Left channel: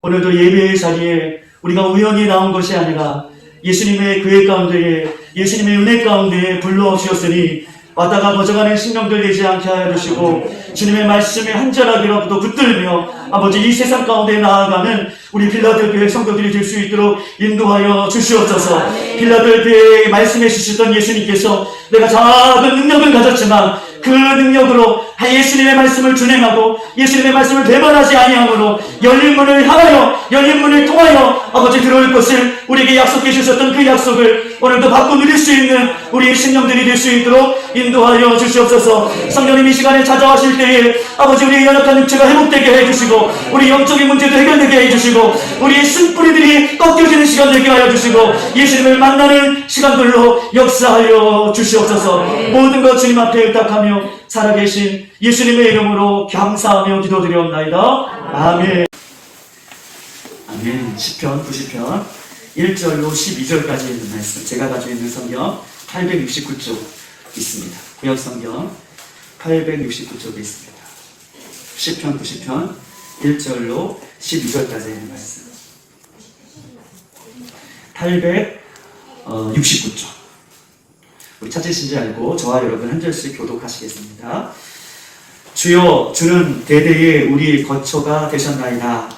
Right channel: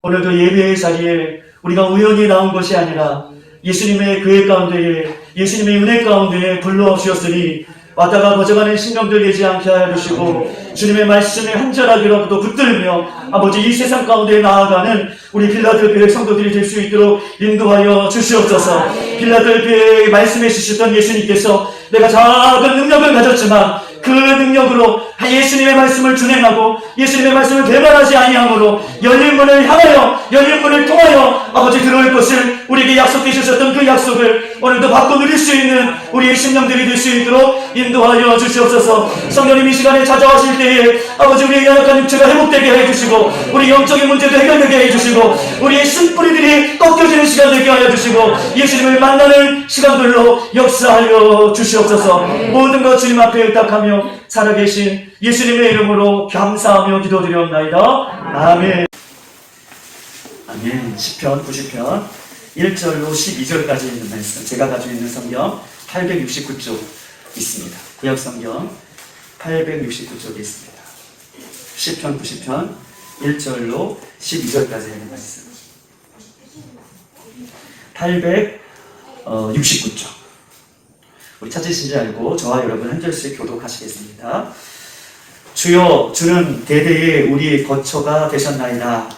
오늘도 예배의 자리에 우리가 우연히 나온 것이 아니라 예수님의 교회 가운데에 예수님의 은혜 가운데에 불러주셨으니 왔다가 거저가는 신령들 되지 않게 하여 주시고 주님의 말씀에 한절하기라도 붙들며 아버지 이 세상 가운데 나아가는 우리 필라델피아의 성도들이 될 수 있도록 인도하여 주시옵소서. 필라델피아에 말씀해 주셨던 예수님께서 내가 작은 능력을 가졌지만 그 능력으로 예수님의 말씀을 준행하고 예수님의 말씀을 배반하지 아니함으로 열린 문을 향하여 열린 문을 통하여 아버지 들어올 것을 우리에게 약속해 주셨던 그 약속을 오늘도 받고 누릴 수 있는 우리의 심령들이 될 수 있도록 인도하여 주시옵소서. 성령님 이 시간에 찾아오실 때에 아버지 우리의 연약한 육체가 회복되게 해주시고 우리 영적인 문제도 해결되게 해주시고 우리의 심뿌리들이 꺾여지는 시간 되게 하여 주시고 예수님을 만나는 시간들로 역사하여 주시옵소서. 모든 것 주님 앞에 의탁하며 살아계신 예수님의 이름으로 감사하며 기도드리옵나이다. 아멘. 아멘. 시편 90편 1절로 12절까지 있는 말씀, 제가 가지고 있는 성경 869쪽 있습니다. 구약성경 869쪽에 있습니다. 시편 90편 1절로 12절까지 있는 말씀 869쪽. 우리 찾으신 줄 알고 저와 여러분 한 절씩 교독하시겠습니다. 주여, 주는 대대에 우리 거처가 되셨나이다.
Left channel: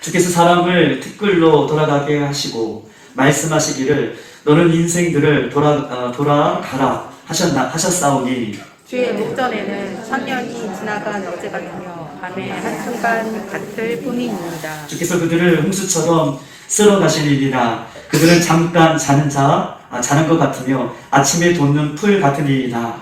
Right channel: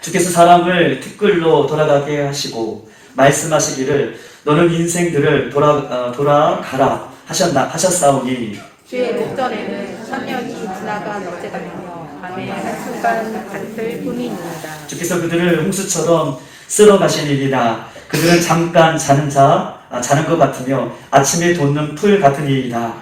주께서 사람을 티끌로 돌아가게 하시고 말씀하시기를 너는 인생들을 돌아가라 하셨사오니 주의 목전에는 천년이 지나간 어제가 나며 밤의 한순간 같을 뿐입니다. 주께서 그들을 홍수처럼 쓸어 가시리이다. 그들은 잠깐 자는 것 같으며 아침에 돋는 풀 같으니이다.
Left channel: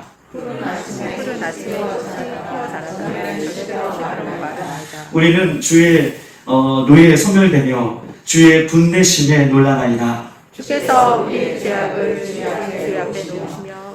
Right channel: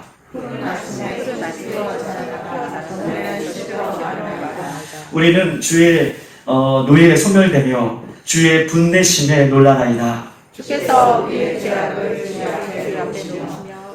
우리는 주의 노예에 소멸되며 주의 분내심에 놀라나이다. 주께서 우리의 죄악을 주의 앞에 두시며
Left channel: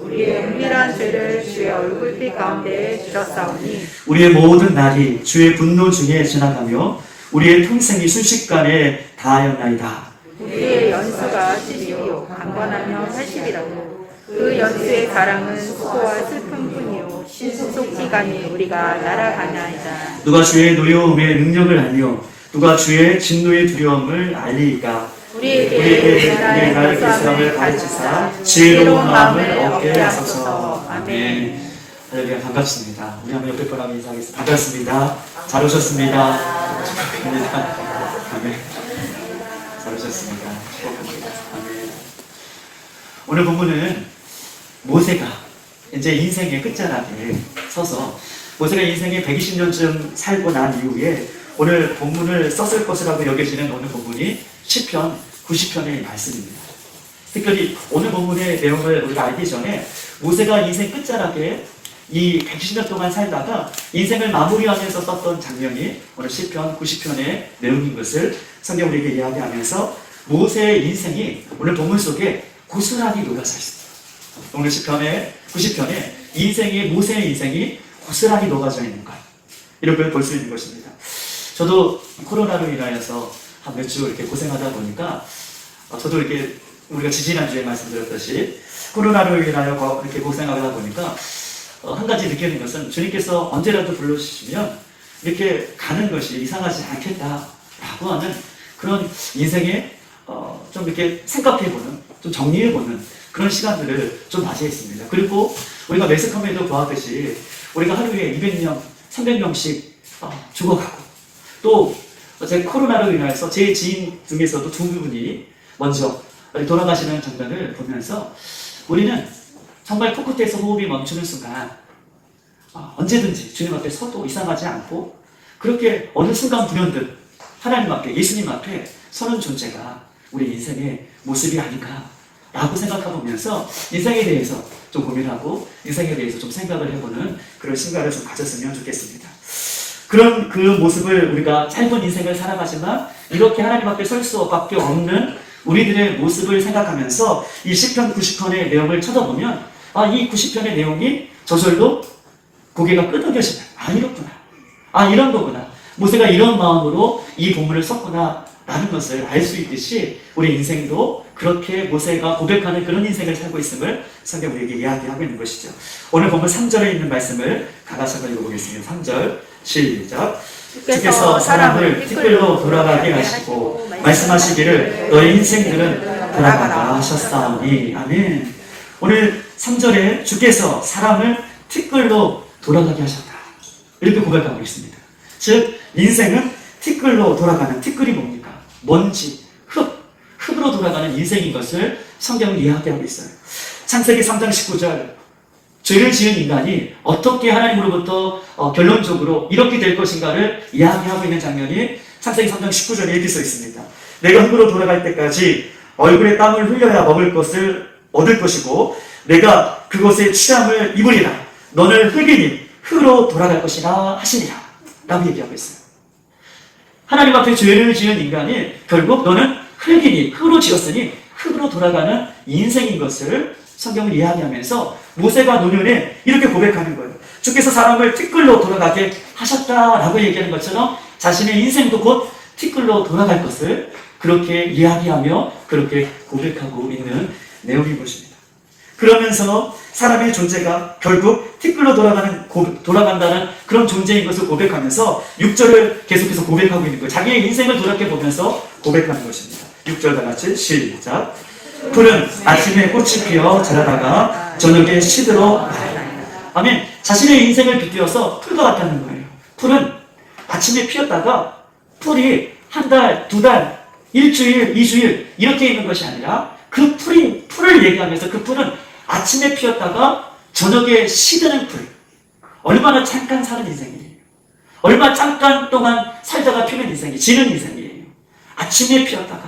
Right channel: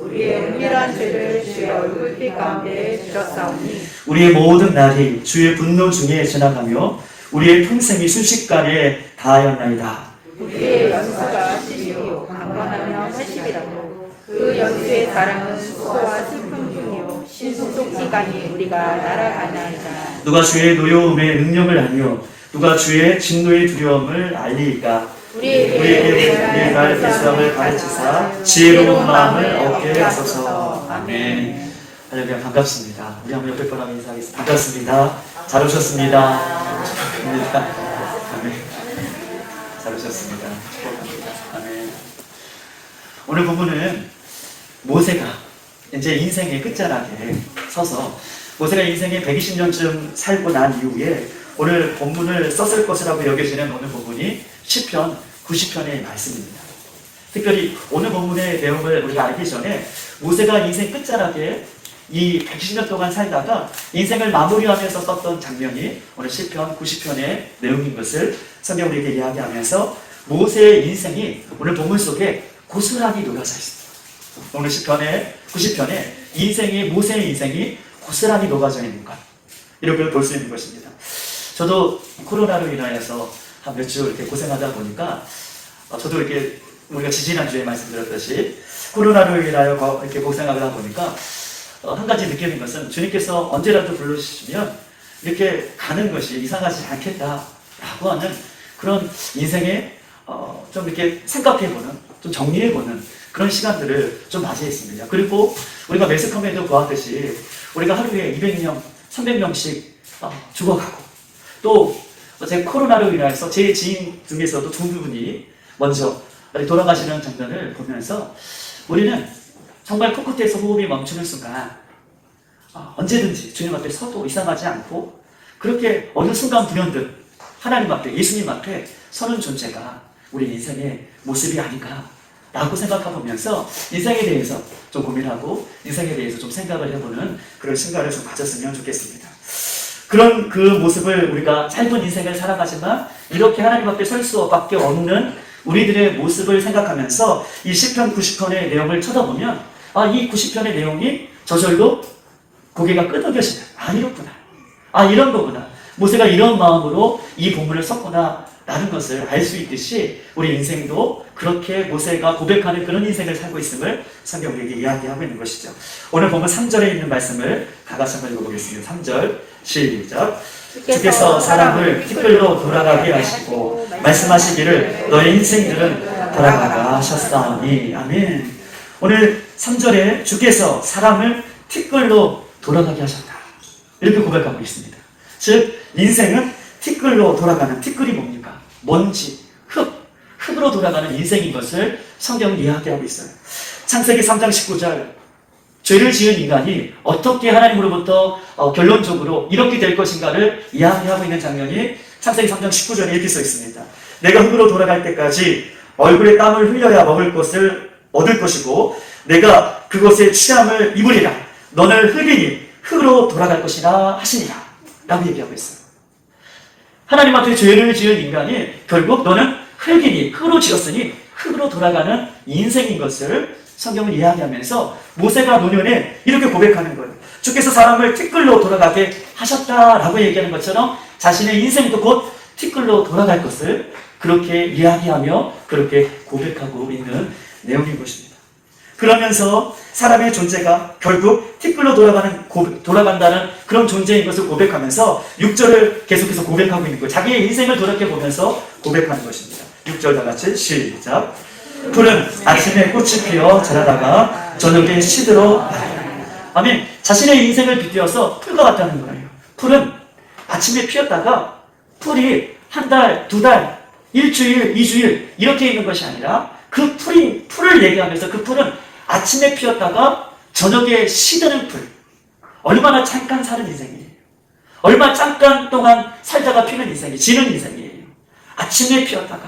우리의 은밀한 죄를 주의 얼굴빛 가운데 주셨사오니 우리의 모든 날이 주의 분노 중에 지나가며 우리의 평생이 순식간에 다하였나이다. 우리의 연수가 12요 강건하며 80이라고 그 연수의 사랑은 수고와 슬픔뿐이요 신속기간이 우리가 날아가나이다. 누가 주의 노여움의 능력을 알며 누가 주의 진노의 두려움을 알리이까. 우리에게 나의 불쌍함을 가르치사 지혜로운 마음을 얻게 하소서. 아멘. 할렐루야. 반갑습니다. 우리 한번 옆에 분하고 인사하겠습니다. 반갑습니다. 잘 오셨습니다. 축복합니다. 아멘. 잘 오셨습니다. 축복합니다. 아멘. 오늘 본문은 모세가 이제 인생의 끝자락에 서서 모세가 인생의 120년쯤 살고 난 이후에 오늘 본문을 썼을 것이라고 여겨지는 오늘 본문이 시편 90편의 말씀입니다. 특별히 오늘 본문의 내용을 우리가 알기 전에 모세가 인생 끝자락에 이 120년 동안 살다가 인생을 마무리하면서 썼던 장면이 오늘 시편 90편의 내용인 것을 성경 우리에게 이야기하면서 모세의 인생이 오늘 본문 속에 고스란히 녹아져 있습니다. 오늘 시편의 90편에 모세의 인생이 고스란히 녹아져 있는 것, 이렇게 볼 수 있는 것입니다. 저도 코로나로 인하여서 한 몇 주 이렇게 고생하다 보니까 저도 이렇게 우리가 지지난주에 말씀드렸듯이 코로나로 인하여 이렇게 고생하다 보니까 한 가지 느끼는 것은 주님께서 언제라도 불러주시면 이렇게 가는 것이 이상하지 않겠다라고 하는 그런 인생에 좀 이렇게 생각해보는, 좀 정리해보는 그런 시간들을 좀 맞이했습니다. 그리고 우리가 매스컴에도 보았듯이 우리가 하루에 200명, 300명씩 죽어가고 또 제 코로나로 인해서 제 지인 중에서도 두 분이 먼저 돌아가시는 장면을 보면서 우리는 정말 코끝에서 호흡이 멈추는 순간 언제든지 주님 앞에 서도 이상하지 않고 그렇게 어느 순간 불현듯 하나님 앞에, 예수님 앞에 서는 존재가 우리 인생의 모습이 아닌가 라고 생각해보면서 인생에 대해서 좀 고민하고 인생에 대해서 좀 생각을 해보는 그런 시간을 좀 가졌으면 좋겠습니다. 그런 그 모습을 우리가 짧은 인생을 살아가지만 이렇게 하나님 앞에 설 수밖에 없는 우리들의 모습을 생각하면서 이 시편 90편의 내용을 쳐다보면 이 90편의 내용이 저절로 고개가 끄덕여지는, 이렇구나, 이런 거구나, 모세가 이런 마음으로 이 본문을 썼구나 라는 것을 알 수 있듯이 우리 인생도 그렇게 모세가 고백하는 그런 인생을 살고 있음을 성경 우리에게 이야기하고 있는 것이죠. 오늘 본문 3절에 있는 말씀을 다 같이 한번 읽어보겠습니다. 3절 시작. 주께서 사람을 티끌로 돌아가게 하시고 말씀하시기를 너의 인생들은 돌아가라 하셨사오니. 아멘. 오늘 3절에 주께서 사람을 티끌로 돌아가게 하셨다, 이렇게 고백하고 있습니다. 즉 인생은 티끌로 돌아가는, 티끌이 뭡니까? 먼지, 흙으로 돌아가는 인생인 것을 성경은 이야기하고 있어요. 창세기 3장 19절, 죄를 지은 인간이 어떻게 하나님으로부터 결론적으로 이렇게 될 것인가를 이야기하고 있는 장면이 창세기 3장 19절에 이렇게 써 있습니다. 내가 흙으로 돌아갈 때까지 얼굴에 땀을 흘려야 먹을 것을 얻을 것이고 내가 그것의 취함을 입으리라. 너는 흙이니 흙으로 돌아갈 것이라 하시니라 라고 얘기하고 있어요. 하나님 앞에 죄를 지은 인간이 결국 너는 흙이니 흙으로 지었으니 흙으로 돌아가는 인생인 것을 성경은 이야기하면서 모세가 노년에 이렇게 고백하는 거예요. 주께서 사람을 티끌로 돌아가게 하셨다라고 얘기하는 것처럼 자신의 인생도 곧 티끌로 돌아갈 것을 그렇게 이야기하며 그렇게 고백하고 있는 내용인 것입니다. 그러면서 사람의 존재가 결국 티끌로 돌아간다는 그런 존재인 것을 고백하면서 6절을 계속해서 고백하고 있는 거예요. 자기의 인생을 돌이켜보면서 고백하는 것입니다. 6절 다 같이 시작. 풀은 아침에 꽃이 피어 자라다가 저녁에 시들어 마요. 아멘. 자신의 인생을 빗대어서 풀과 같다는 거예요. 풀은 아침에 피었다가 풀이 한 달, 두 달, 일주일, 이주일 이렇게 있는 것이 아니라 그 풀을 얘기하면서 그 풀은 아침에 피었다가 저녁에 시드는 풀. 얼마나 잠깐 사는 인생이에요. 얼마 잠깐 동안 살다가 피는 인생이에요. 지는 인생이에요. 아침에 피었다가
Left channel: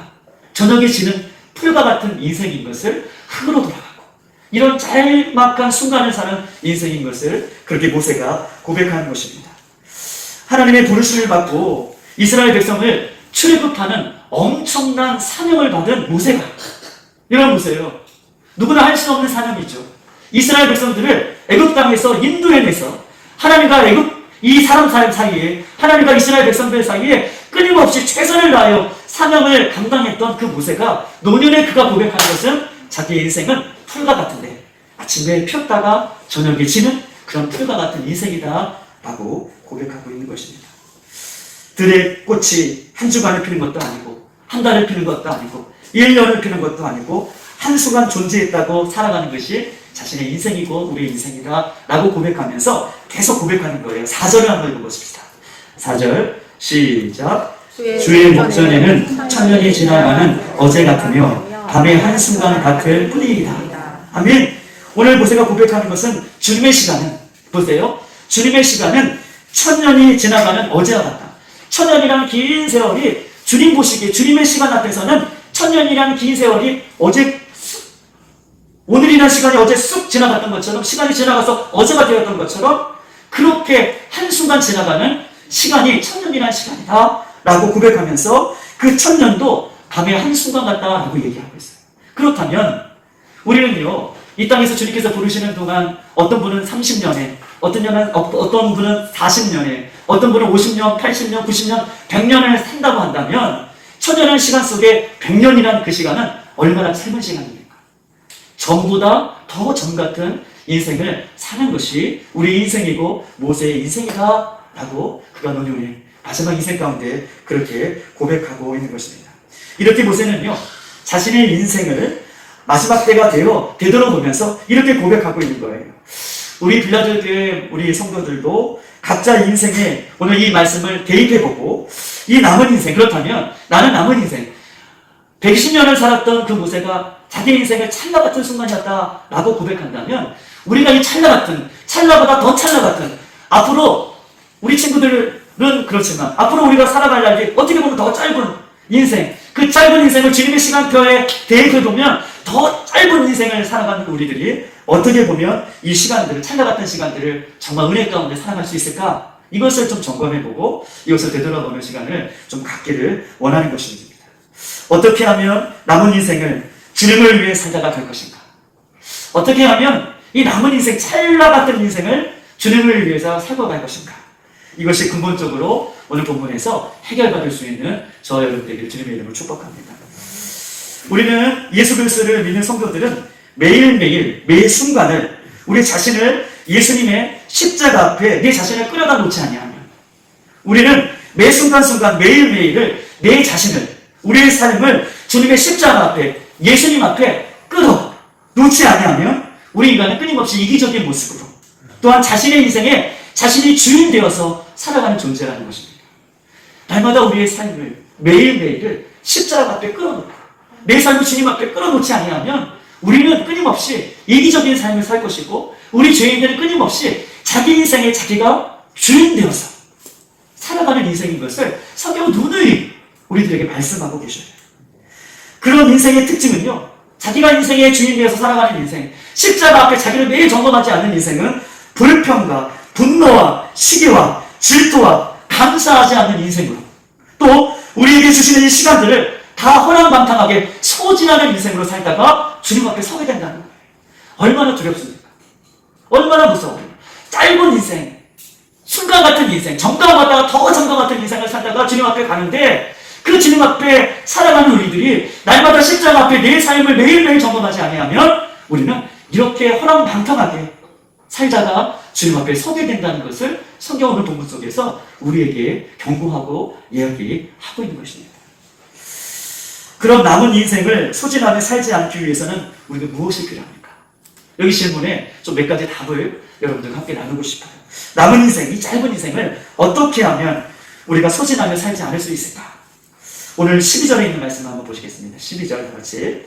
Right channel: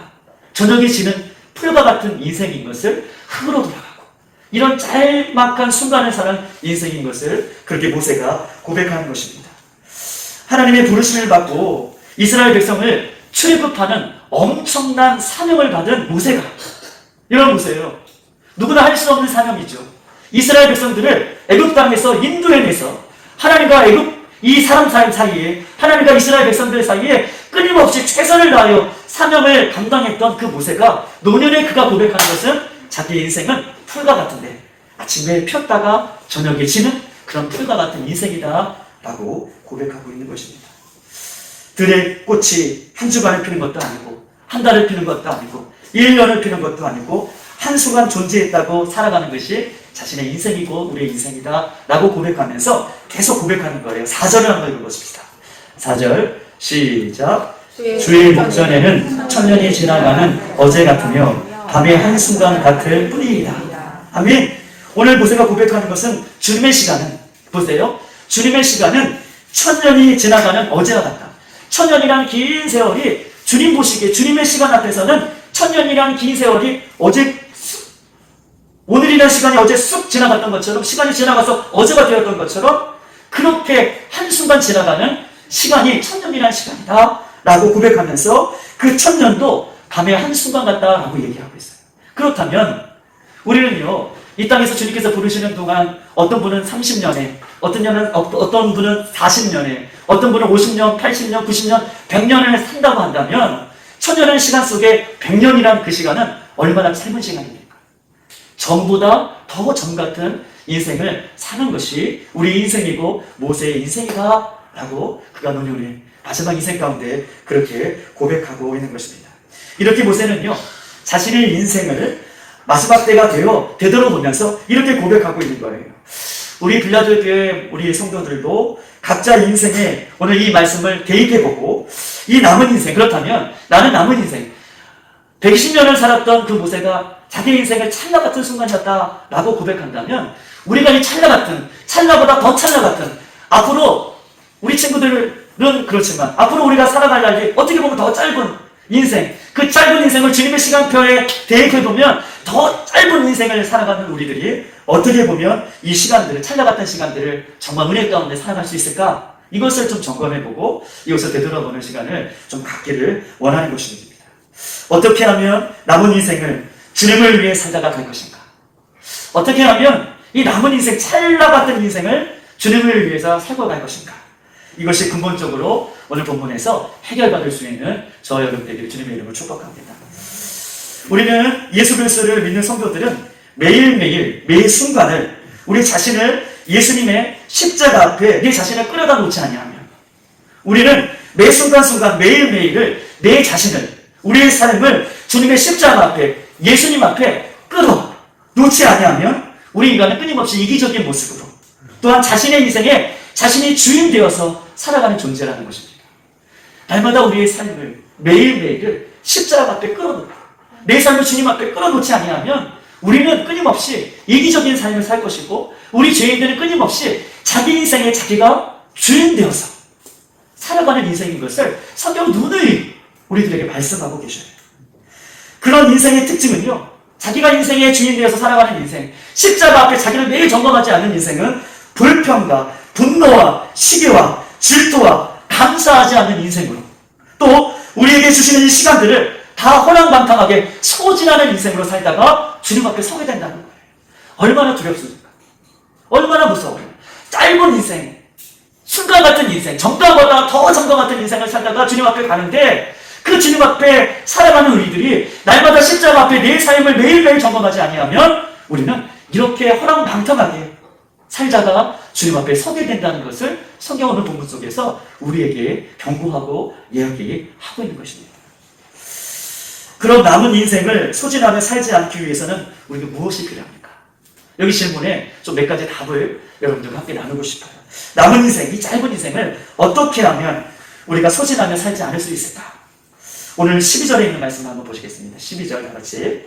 저녁에 지는 풀과 같은 인생인 것을 흙으로 돌아가고 이런 짤막한 순간을 사는 인생인 것을 그렇게 모세가 고백하는 것입니다. 하나님의 부르심을 받고 이스라엘 백성을 출애굽하는 엄청난 사명을 받은 모세가, 여러분 보세요. 누구나 할 수 없는 사명이죠. 이스라엘 백성들을 애굽 땅에서 인도해내서 하나님과 이 사람 사이에, 하나님과 이스라엘 백성들 사이에 끊임없이 최선을 다하여 사명을 감당했던 그 모세가 노년에 그가 고백하는 것은 자기의 인생은 풀과 같은데 아침에 폈다가 저녁에 지는 그런 풀과 같은 인생이다 라고 고백하고 있는 것입니다. 들의 꽃이 한 주간을 피는 것도 아니고 한 달을 피는 것도 아니고 1년을 피는 것도 아니고 한순간 존재했다고 살아가는 것이 자신의 인생이고 우리의 인생이다 라고 고백하면서 계속 고백하는 거예요. 4절을 한번 읽어보십시다. 4절 시작. 주의 목전에는 천년이 지나가는 어제 같으며 밤의 한순간 같을 뿐이다. 아멘. 오늘 모세가 고백하는 것은 주님의 시간은, 보세요, 주님의 시간은 천년이 지나가는 어제와 같다. 천년이라는 긴 세월이 주님 보시기에 주님의 시간 앞에서는 천년이라는 긴 세월이 오늘이라는 시간이 어제 쑥 지나갔던 것처럼, 시간이 지나가서 어제가 되었던 것처럼 그렇게 한순간 지나가는 시간이 천년이라는 시간이다 라고 고백하면서 그 천년도 밤의 한순간 같다라고 얘기하고 있어요. 그렇다면 우리는요, 이 땅에서 주님께서 부르시는 동안 어떤 분은 30년에, 어떤 분은 40년에, 어떤 분은 50년, 80년, 90년, 100년을 산다고 한다면 천년의 시간 속에 100년이란 그 시간은 얼마나 짧은 시간입니까? 전보다 더 전 같은 인생을 사는 것이 우리 인생이고 모세의 인생이다 라고 그가 노년의 마지막 인생 가운데 그렇게 고백하고 있는 것입니다. 이렇게 모세는요, 자신의 인생을 마지막 때가 되돌아보면서 이렇게 고백하고 있는 거예요. 우리 빌라델피아의 우리 성도들도 각자 인생에 오늘 이 말씀을 대입해보고 이 남은 인생, 그렇다면 나는 남은 인생 120년을 살았던 그 모세가 자기 인생을 찰나 같은 순간이었다라고 고백한다면 우리가 이 찰나보다 더 찰나 같은, 앞으로 우리 친구들은 그렇지만 앞으로 우리가 살아갈 날이 어떻게 보면 더 짧은 인생, 그 짧은 인생을 주님의 시간표에 대입해보면 더 짧은 인생을 살아가는 우리들이 어떻게 보면 이 시간들을, 찰나 같은 시간들을 정말 은혜 가운데 살아갈 수 있을까? 이것을 좀 점검해보고 이것을 되돌아보는 시간을 좀 갖기를 원하는 것입니다. 어떻게 하면 남은 인생을 주님을 위해 살다가 갈 것인가? 어떻게 하면 이 남은 인생, 찰나 같은 인생을 주님을 위해서 살고 갈 것인가? 이것이 근본적으로 오늘 본문에서 해결받을 수 있는 저와 여러분들에게 주님의 이름을 축복합니다. 우리는 예수 그리스도를 믿는 성도들은 매일매일 매 순간을 우리 자신을 예수님의 십자가 앞에 내 자신을 끌어다 놓지 아니하면, 우리는 매 순간순간 매일매일을 내 자신을, 우리의 삶을 주님의 십자가 앞에, 예수님 앞에 끌어 놓지 아니하면 우리 인간은 끊임없이 이기적인 모습으로, 또한 자신의 인생에 자신이 주인 되어서 살아가는 존재라는 것입니다. 날마다 우리의 삶을, 매일매일을 십자가 앞에 끌어놓고 내 삶을 주님 앞에 끌어놓지 아니하면 우리는 끊임없이 이기적인 삶을 살 것이고, 우리 죄인들은 끊임없이 자기 인생에 자기가 주인 되어서 살아가는 인생인 것을 성경은 누누이 우리들에게 말씀하고 계셔요. 그런 인생의 특징은요, 자기가 인생의 주인 되어서 살아가는 인생, 십자가 앞에 자기를 매일 점검하지 않는 인생은 불평과 분노와 시기와 질투와 감사하지 않는 인생으로, 또 우리에게 주시는 이 시간들을 다 허랑방탕하게 소진하는 인생으로 살다가 주님 앞에 서게 된다는 거예요. 얼마나 두렵습니까? 얼마나 무서워요. 짧은 인생, 순간 같은 인생, 정감 같다가 더 정감 같은 인생을 살다가 주님 앞에 가는데, 그 주님 앞에 살아가는 우리들이 날마다 십자가 앞에 내 삶을 매일매일 점검하지 아니하면 우리는 이렇게 허랑방탕하게 살다가 주님 앞에 서게 된다는 것을 성경 오늘 본문 속에서 우리에게 경고하고 이야기하고 있는 것입니다. 그런 남은 인생을 소진하며 살지 않기 위해서는 우리가 무엇이 필요합니까? 여기 질문에 좀 몇 가지 답을 여러분들과 함께 나누고 싶어요. 남은 인생, 이 짧은 인생을 어떻게 하면 우리가 소진하며 살지 않을 수 있을까? 오늘 12절에 있는 말씀을 한번 보시겠습니다. 12절 다 같이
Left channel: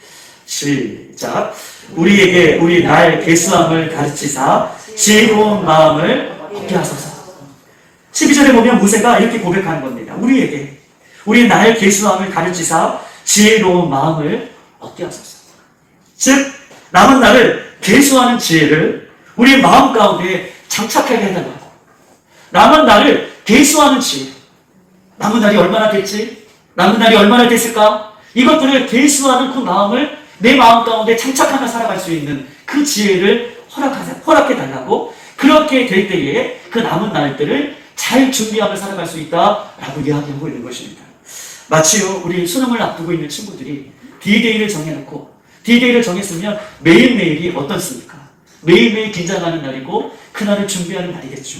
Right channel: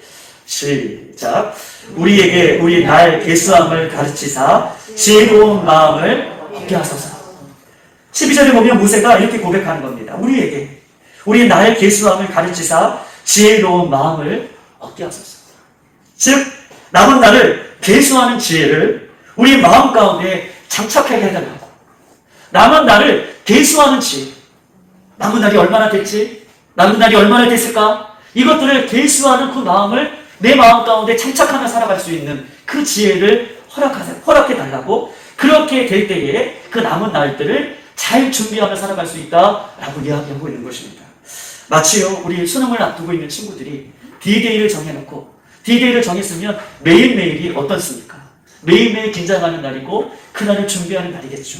시작. 우리에게 우리 날 계수함을 가르치사 지혜로운 마음을 얻게 하소서. 12절에 보면 모세가 이렇게 고백하는 겁니다. 우리에게 우리 날 계수함을 가르치사 지혜로운 마음을 얻게 하소서. 즉 남은 날을 계수하는 지혜를 우리 마음 가운데 장착하게 해달라고. 남은 날을 계수하는 지혜. 남은 날이 얼마나 됐지? 남은 날이 얼마나 됐을까? 이것들을 계수하는 그 마음을 내 마음 가운데 장착하며 살아갈 수 있는 그 지혜를 허락해달라고. 그렇게 될 때에 그 남은 날들을 잘 준비하며 살아갈 수 있다라고 이야기하고 있는 것입니다. 마치요, 우리 수능을 앞두고 있는 친구들이 D-Day를 정해놓고, D-Day를 정했으면 매일매일이 어떻습니까? 매일매일 긴장하는 날이고 그날을 준비하는 날이겠죠.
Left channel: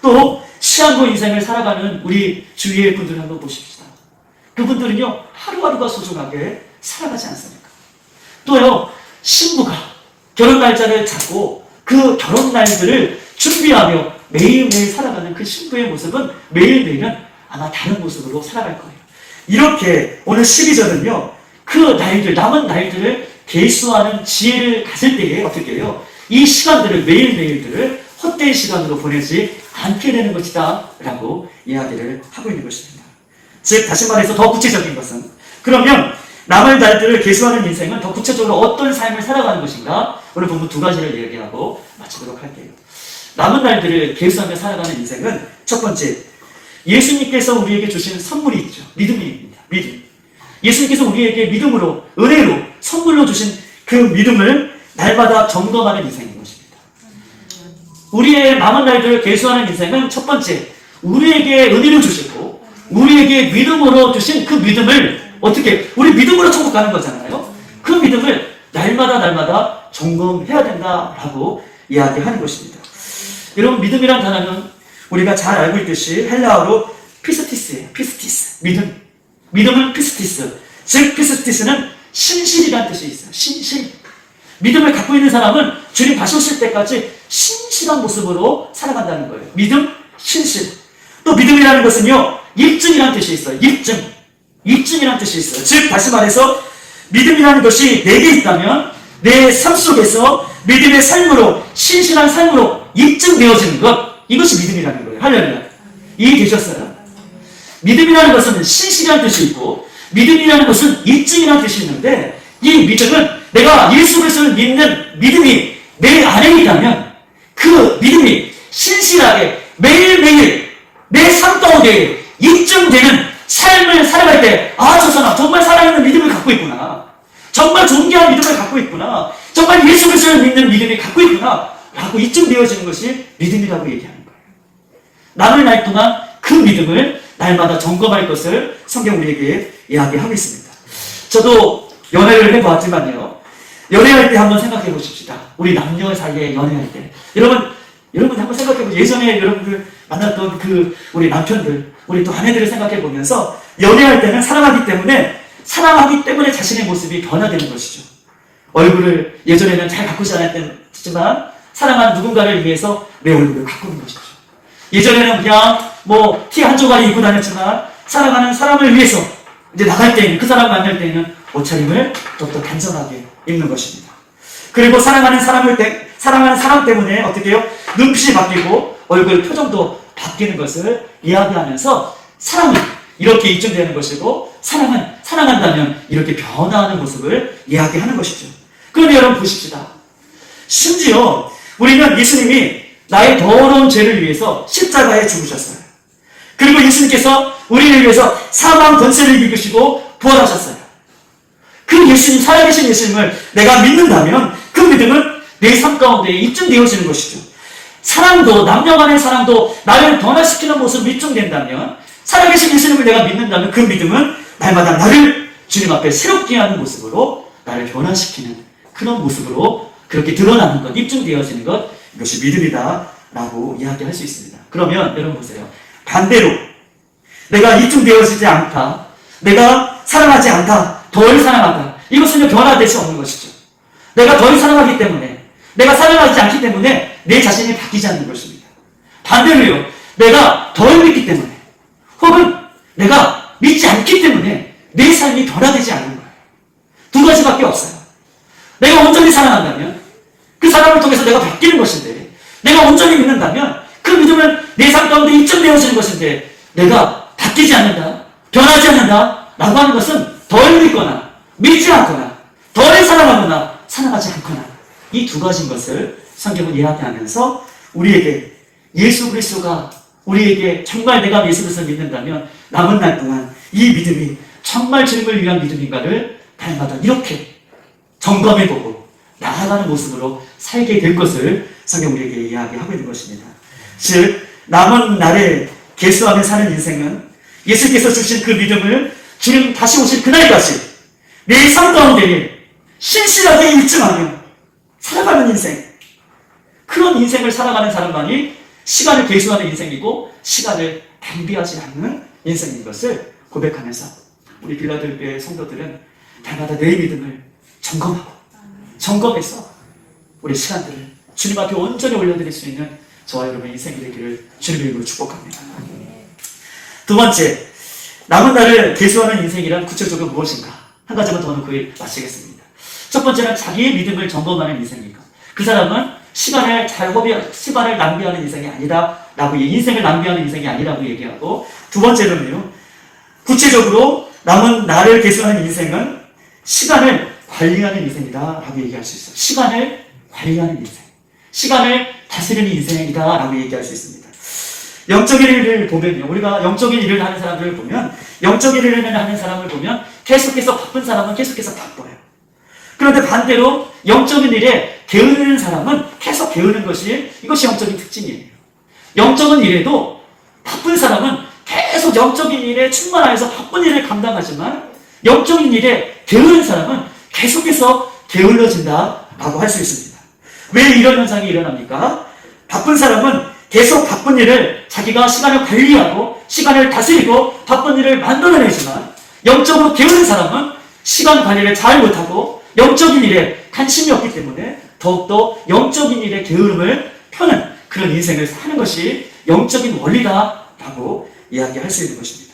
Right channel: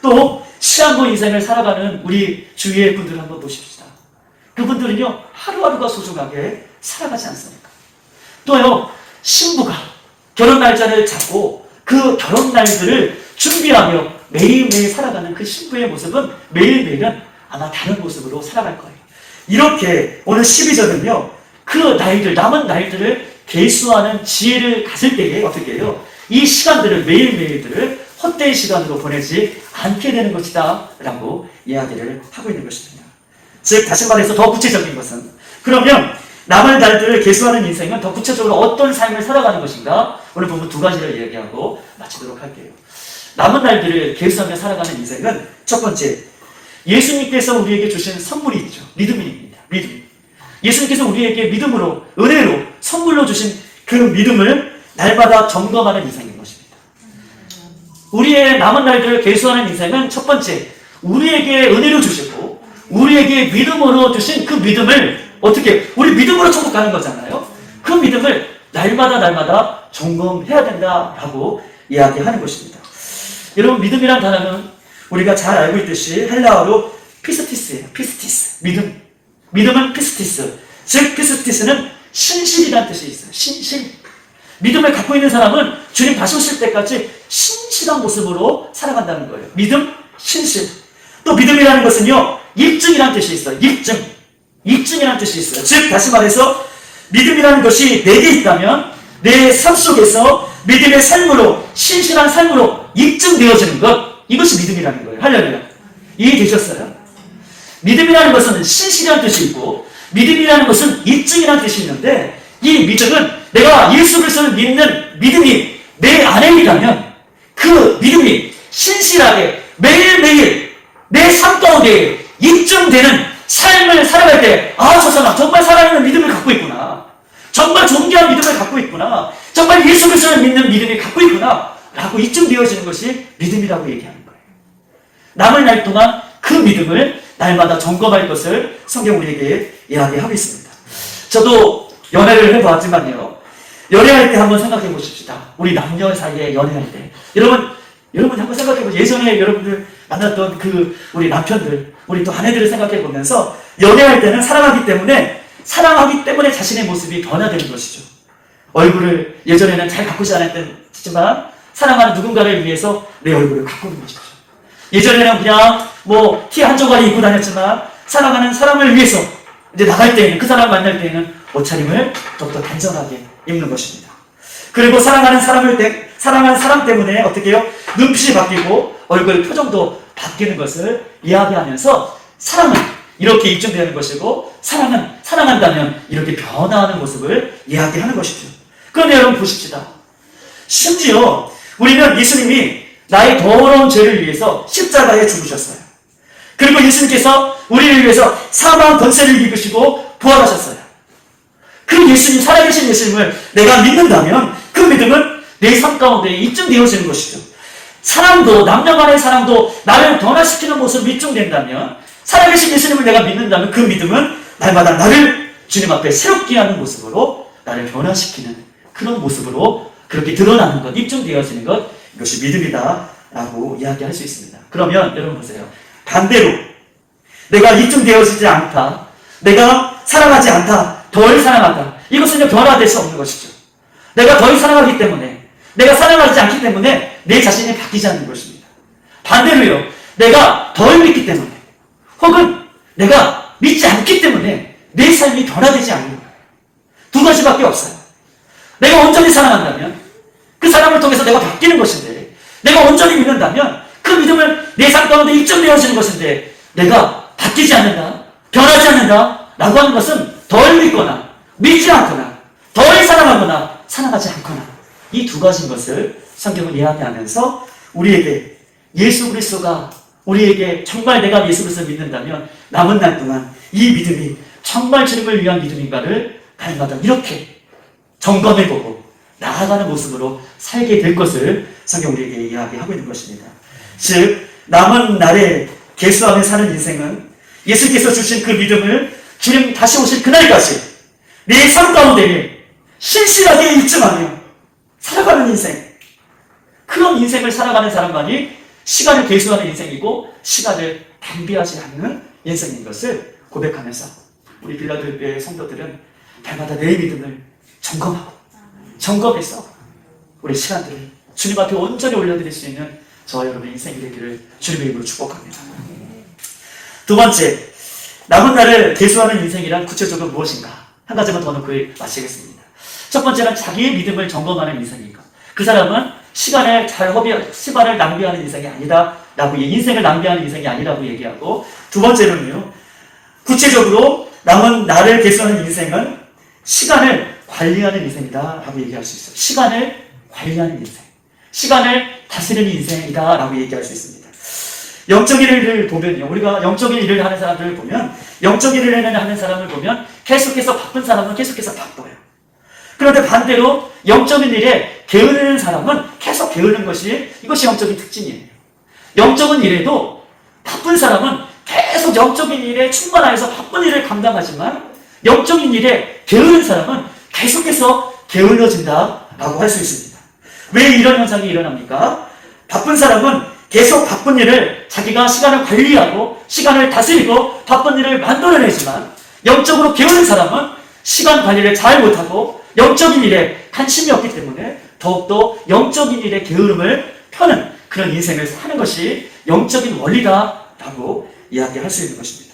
또 시한부 인생을 살아가는 우리 주위의 분들을 한번 보십시다. 그분들은요, 하루하루가 소중하게 살아가지 않습니까? 또요, 신부가 결혼 날짜를 잡고 그 결혼 날들을 준비하며 매일매일 살아가는 그 신부의 모습은 매일매일은 아마 다른 모습으로 살아갈 거예요. 이렇게 오늘 12절은요, 그 날들, 남은 날들을 계수하는 지혜를 가질 때에 어떻게 해요? 이 시간들을, 매일매일들을 헛된 시간으로 보내지 않게 되는 것이다 라고 이야기를 하고 있는 것입니다. 즉 다시 말해서 더 구체적인 것은, 그러면 남은 날들을 계수하는 인생은 더 구체적으로 어떤 삶을 살아가는 것인가? 오늘 보면 두 가지를 이야기하고 마치도록 할게요. 남은 날들을 계수하며 살아가는 인생은 첫 번째, 예수님께서 우리에게 주신 선물이 있죠. 믿음입니다. 믿음. 예수님께서 우리에게 믿음으로, 은혜로, 선물로 주신 그 믿음을 날마다 점검하는 인생인 것입니다. 우리의 남은 날들을 계수하는 인생은 첫 번째, 우리에게 은혜로 주시고 우리에게 믿음으로 주신 그 믿음을 어떻게, 우리 믿음으로 천국 가는 거잖아요. 그 믿음을 날마다 점검해야 된다라고 이야기하는 것입니다. 여러분, 믿음이란 단어는 우리가 잘 알고 있듯이 헬라어로 피스티스예요. 피스티스. 믿음. 믿음은 피스티스. 즉 피스티스는 신실이라는 뜻이 있어요. 신실. 믿음을 갖고 있는 사람은 주님 다시 오실 때까지 신실한 모습으로 살아간다는 거예요. 믿음, 신실. 또 믿음이라는 것은요, 입증이라는 뜻이 있어요. 입증. 입증이라는 뜻이 있어요. 즉 다시 말해서 믿음이라는 것이 내게 있다면 내 삶 속에서 믿음의 삶으로, 신실한 삶으로 입증되어지는 것, 이것이 믿음이라는 거예요. 할렐루야. 이해되셨어요? 믿음이라는 것은 신실이라는 뜻이 있고 믿음이라는 것은 입증이라는 뜻이 있는데, 이 믿음은 내가 예수 그리스도를 믿는 믿음이 내 안에 있다면 그 믿음이 신실하게 매일매일 내 삶 가운데 입증되는 삶을 살아갈 때, 아, 저 사람 정말 살아있는 믿음을 갖고 있구나, 정말 존귀한 믿음을 갖고 있구나, 정말 예수 그리스도를 믿는 믿음이 갖고 있구나 라고 입증되어지는 것이 믿음이라고 얘기하는 거예요. 남을 날 동안 그 믿음을 날마다 점검할 것을 성경 우리에게 이야기하고 있습니다. 저도 연애를 해보았지만요. 연애할 때 한번 생각해 보십시다. 우리 남녀 사이에 연애할 때. 여러분 한번 생각해 보세요. 예전에 여러분들 만났던 그 우리 남편들, 우리 또 아내들을 생각해 보면서 연애할 때는 사랑하기 때문에 자신의 모습이 변화되는 것이죠. 얼굴을 예전에는 잘 가꾸지 않았지만 사랑하는 누군가를 위해서 내 얼굴을 가꾸는 것이죠. 예전에는 그냥 티 한 조각이 입고 다녔지만 사랑하는 사람을 위해서 이제 나갈 때에는, 그 사람 만날 때에는 옷차림을 더욱더 단정하게 입는 것입니다. 그리고 사랑하는 사람 때문에 어떻게 해요? 눈빛이 바뀌고 얼굴 표정도 바뀌는 것을 이야기하면서 사랑은 이렇게 입증되는 것이고 사랑한다면 이렇게 변화하는 모습을 이야기하는 것이죠. 그런데 여러분 보십시다. 심지어 우리는 예수님이 나의 더러운 죄를 위해서 십자가에 죽으셨어요. 그리고 예수님께서 우리를 위해서 사망 권세를 이기시고 부활하셨어요. 그 예수님, 살아계신 예수님을 내가 믿는다면 그 믿음은 내 삶 가운데 입증되어지는 것이죠. 사랑도, 남녀 간의 사랑도 나를 변화시키는 모습으로 입증된다면, 살아계신 예수님을 내가 믿는다면 그 믿음은 날마다 나를 주님 앞에 새롭게 하는 모습으로 나를 변화시키는 그런 모습으로 그렇게 드러나는 것, 입증되어지는 것, 이것이 믿음이다 라고 이야기할 수 있습니다. 그러면 여러분 보세요. 반대로 내가 입증되어지지 않다, 내가 사랑하지 않다, 덜 사랑하다, 이것은 변화될 수 없는 것이죠. 내가 덜 사랑하기 때문에, 내가 사랑하지 않기 때문에 내 자신이 바뀌지 않는 것입니다. 반대로요, 내가 덜 믿기 때문에 혹은 내가 믿지 않기 때문에 내 삶이 변화되지 않는 거예요. 두 가지밖에 없어요. 내가 온전히 사랑한다면 그 사랑을 통해서 내가 바뀌는 것인데, 내가 온전히 믿는다면 그 믿음은 내 삶 가운데 입증되어지는 것인데, 내가 바뀌지 않는다, 변하지 않는다 라고 하는 것은 덜 믿거나 믿지 않거나 덜 사랑하거나 사랑하지 않거나, 이 두 가지인 것을 성경은 이야기하면서 우리에게 예수 그리스도가 우리에게 정말 내가 예수 그리스도를 믿는다면 남은 날 동안 이 믿음이 정말 주님을 위한 믿음인가를 날마다 이렇게 점검해보고 나아가는 모습으로 살게 될 것을 성경 우리에게 이야기하고 있는 것입니다. 즉 남은 날에 계수하며 사는 인생은 예수께서 주신 그 믿음을 주님 다시 오실 그날까지 내 삶 가운데 신실하게 입증하며 살아가는 인생, 그런 인생을 살아가는 사람만이 시간을 계수하는 인생이고 시간을 낭비하지 않는 인생인 것을 고백하면서 우리 빌라델피아의 성도들은 날마다 내 믿음을 점검해서 우리 시간들을 주님 앞에 온전히 올려드릴 수 있는 저와 여러분의 인생이 되기를 주님의 이름으로 축복합니다. 두 번째, 남은 날을 계수하는 인생이란 구체적으로 무엇인가? 한 가지만 더 놓고 마치겠습니다. 첫 번째는 자기의 믿음을 점검하는 인생인 것. 그 사람은 시간을 낭비하는 인생이 아니다라고, 인생을 낭비하는 인생이 아니라고 얘기하고, 두 번째로는요, 구체적으로 남은 날을 계수하는 인생은 시간을 관리하는 인생이다라고 얘기할 수 있어요. 시간을 관리하는 인생, 시간을 다스리는 인생이다라고 얘기할 수 있습니다. 영적인 일을 보면요, 우리가 영적인 일을 하는 사람들을 보면, 영적인 일을 하는 사람을 보면 계속해서 바쁜 사람은 계속해서 바빠요. 그런데 반대로 영적인 일에 게으르는 사람은 계속 게으르는 이것이 영적인 특징이에요. 영적인 일에도 바쁜 사람은 계속 영적인 일에 충만하여서 바쁜 일을 감당하지만, 영적인 일에 게으른 사람은 계속해서 게을러진다라고 할 수 있습니다. 왜 이런 현상이 일어납니까? 바쁜 사람은 계속 바쁜 일을, 자기가 시간을 관리하고 시간을 다스리고 바쁜 일을 만들어내지만, 영적으로 게으른 사람은 시간 관리를 잘 못하고 영적인 일에 관심이 없기 때문에 더욱더 영적인 일에 게으름을 펴는 그런 인생을 사는 것이 영적인 원리다라고 이야기할 수 있는 것입니다.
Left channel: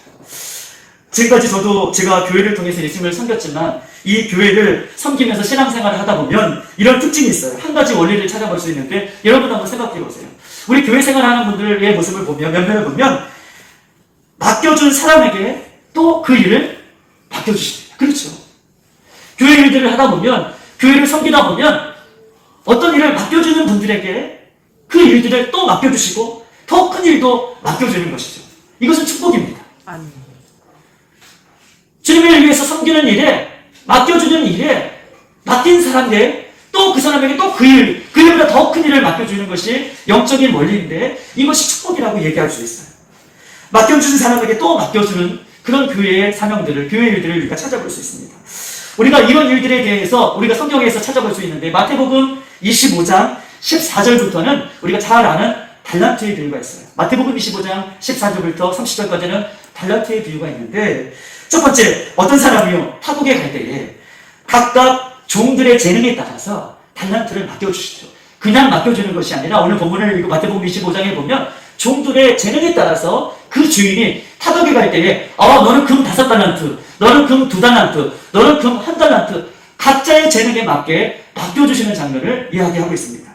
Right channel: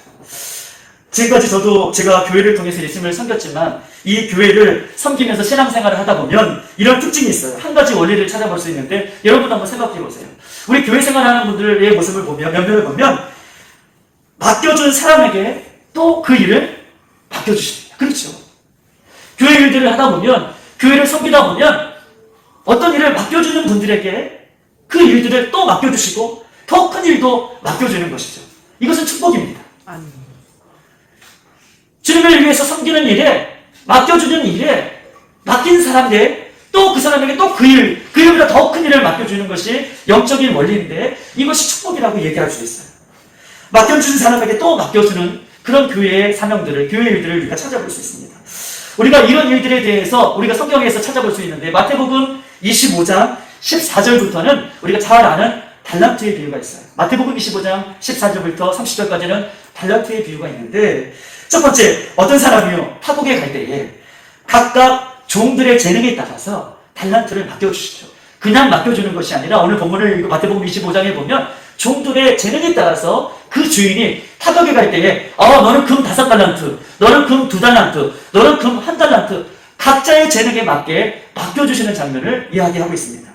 지금까지 저도 제가 교회를 통해서 예수님을 섬겼지만, 이 교회를 섬기면서 신앙생활을 하다 보면 이런 특징이 있어요. 한 가지 원리를 찾아볼 수 있는데, 여러분 한번 생각해 보세요. 우리 교회 생활하는 분들의 모습을 보면, 면면을 보면 맡겨준 사람에게 또 그 일을 맡겨주십니다. 그렇죠? 교회 일들을 하다 보면, 교회를 섬기다 보면 어떤 일을 맡겨주는 분들에게 그 일들을 또 맡겨주시고 더 큰 일도 맡겨주는 것이죠. 이것은 축복입니다. 주님을 위해서 섬기는 일에, 맡겨주는 일에 맡긴 사람들 또 그 사람에게 또 그 일보다 더 큰 일을 맡겨주는 것이 영적인 원리인데 이것이 축복이라고 얘기할 수 있어요. 맡겨주는 사람에게 또 맡겨주는 그런 교회의 사명들을, 교회 일들을 우리가 찾아볼 수 있습니다. 우리가 이런 일들에 대해서 우리가 성경에서 찾아볼 수 있는데 마태복음 25장 14절부터는 우리가 잘 아는 달란트의 비유가 있어요. 마태복음 25장 14절부터 30절까지는 달란트의 비유가 있는데 첫 번째, 어떤 사람이요 타국에 갈 때에 각각 종들의 재능에 따라서 달란트를 맡겨주십시오. 그냥 맡겨주는 것이 아니라 오늘 본문을 마태복음 25장에 보면 종들의 재능에 따라서 그 주인이 타국에 갈 때에 너는 금 5달란트, 너는 금 2달란트, 너는 금 1달란트 각자의 재능에 맞게 맡겨주시는 장면을 이야기하고 있습니다.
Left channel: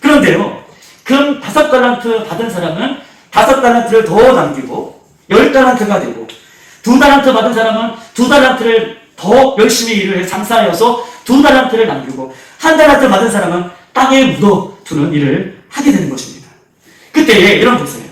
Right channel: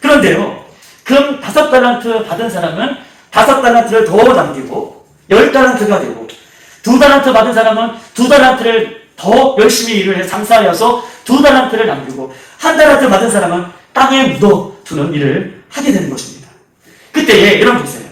그런데요, 금 5달란트 받은 사람은 5달란트를 더 남기고 10달란트가 되고 2달란트 받은 사람은 2달란트를 더 열심히 일을 해 장사하여서 2달란트를 남기고 1달란트 받은 사람은 땅에 묻어두는 일을 하게 되는 것입니다. 그때 여러분 보세요.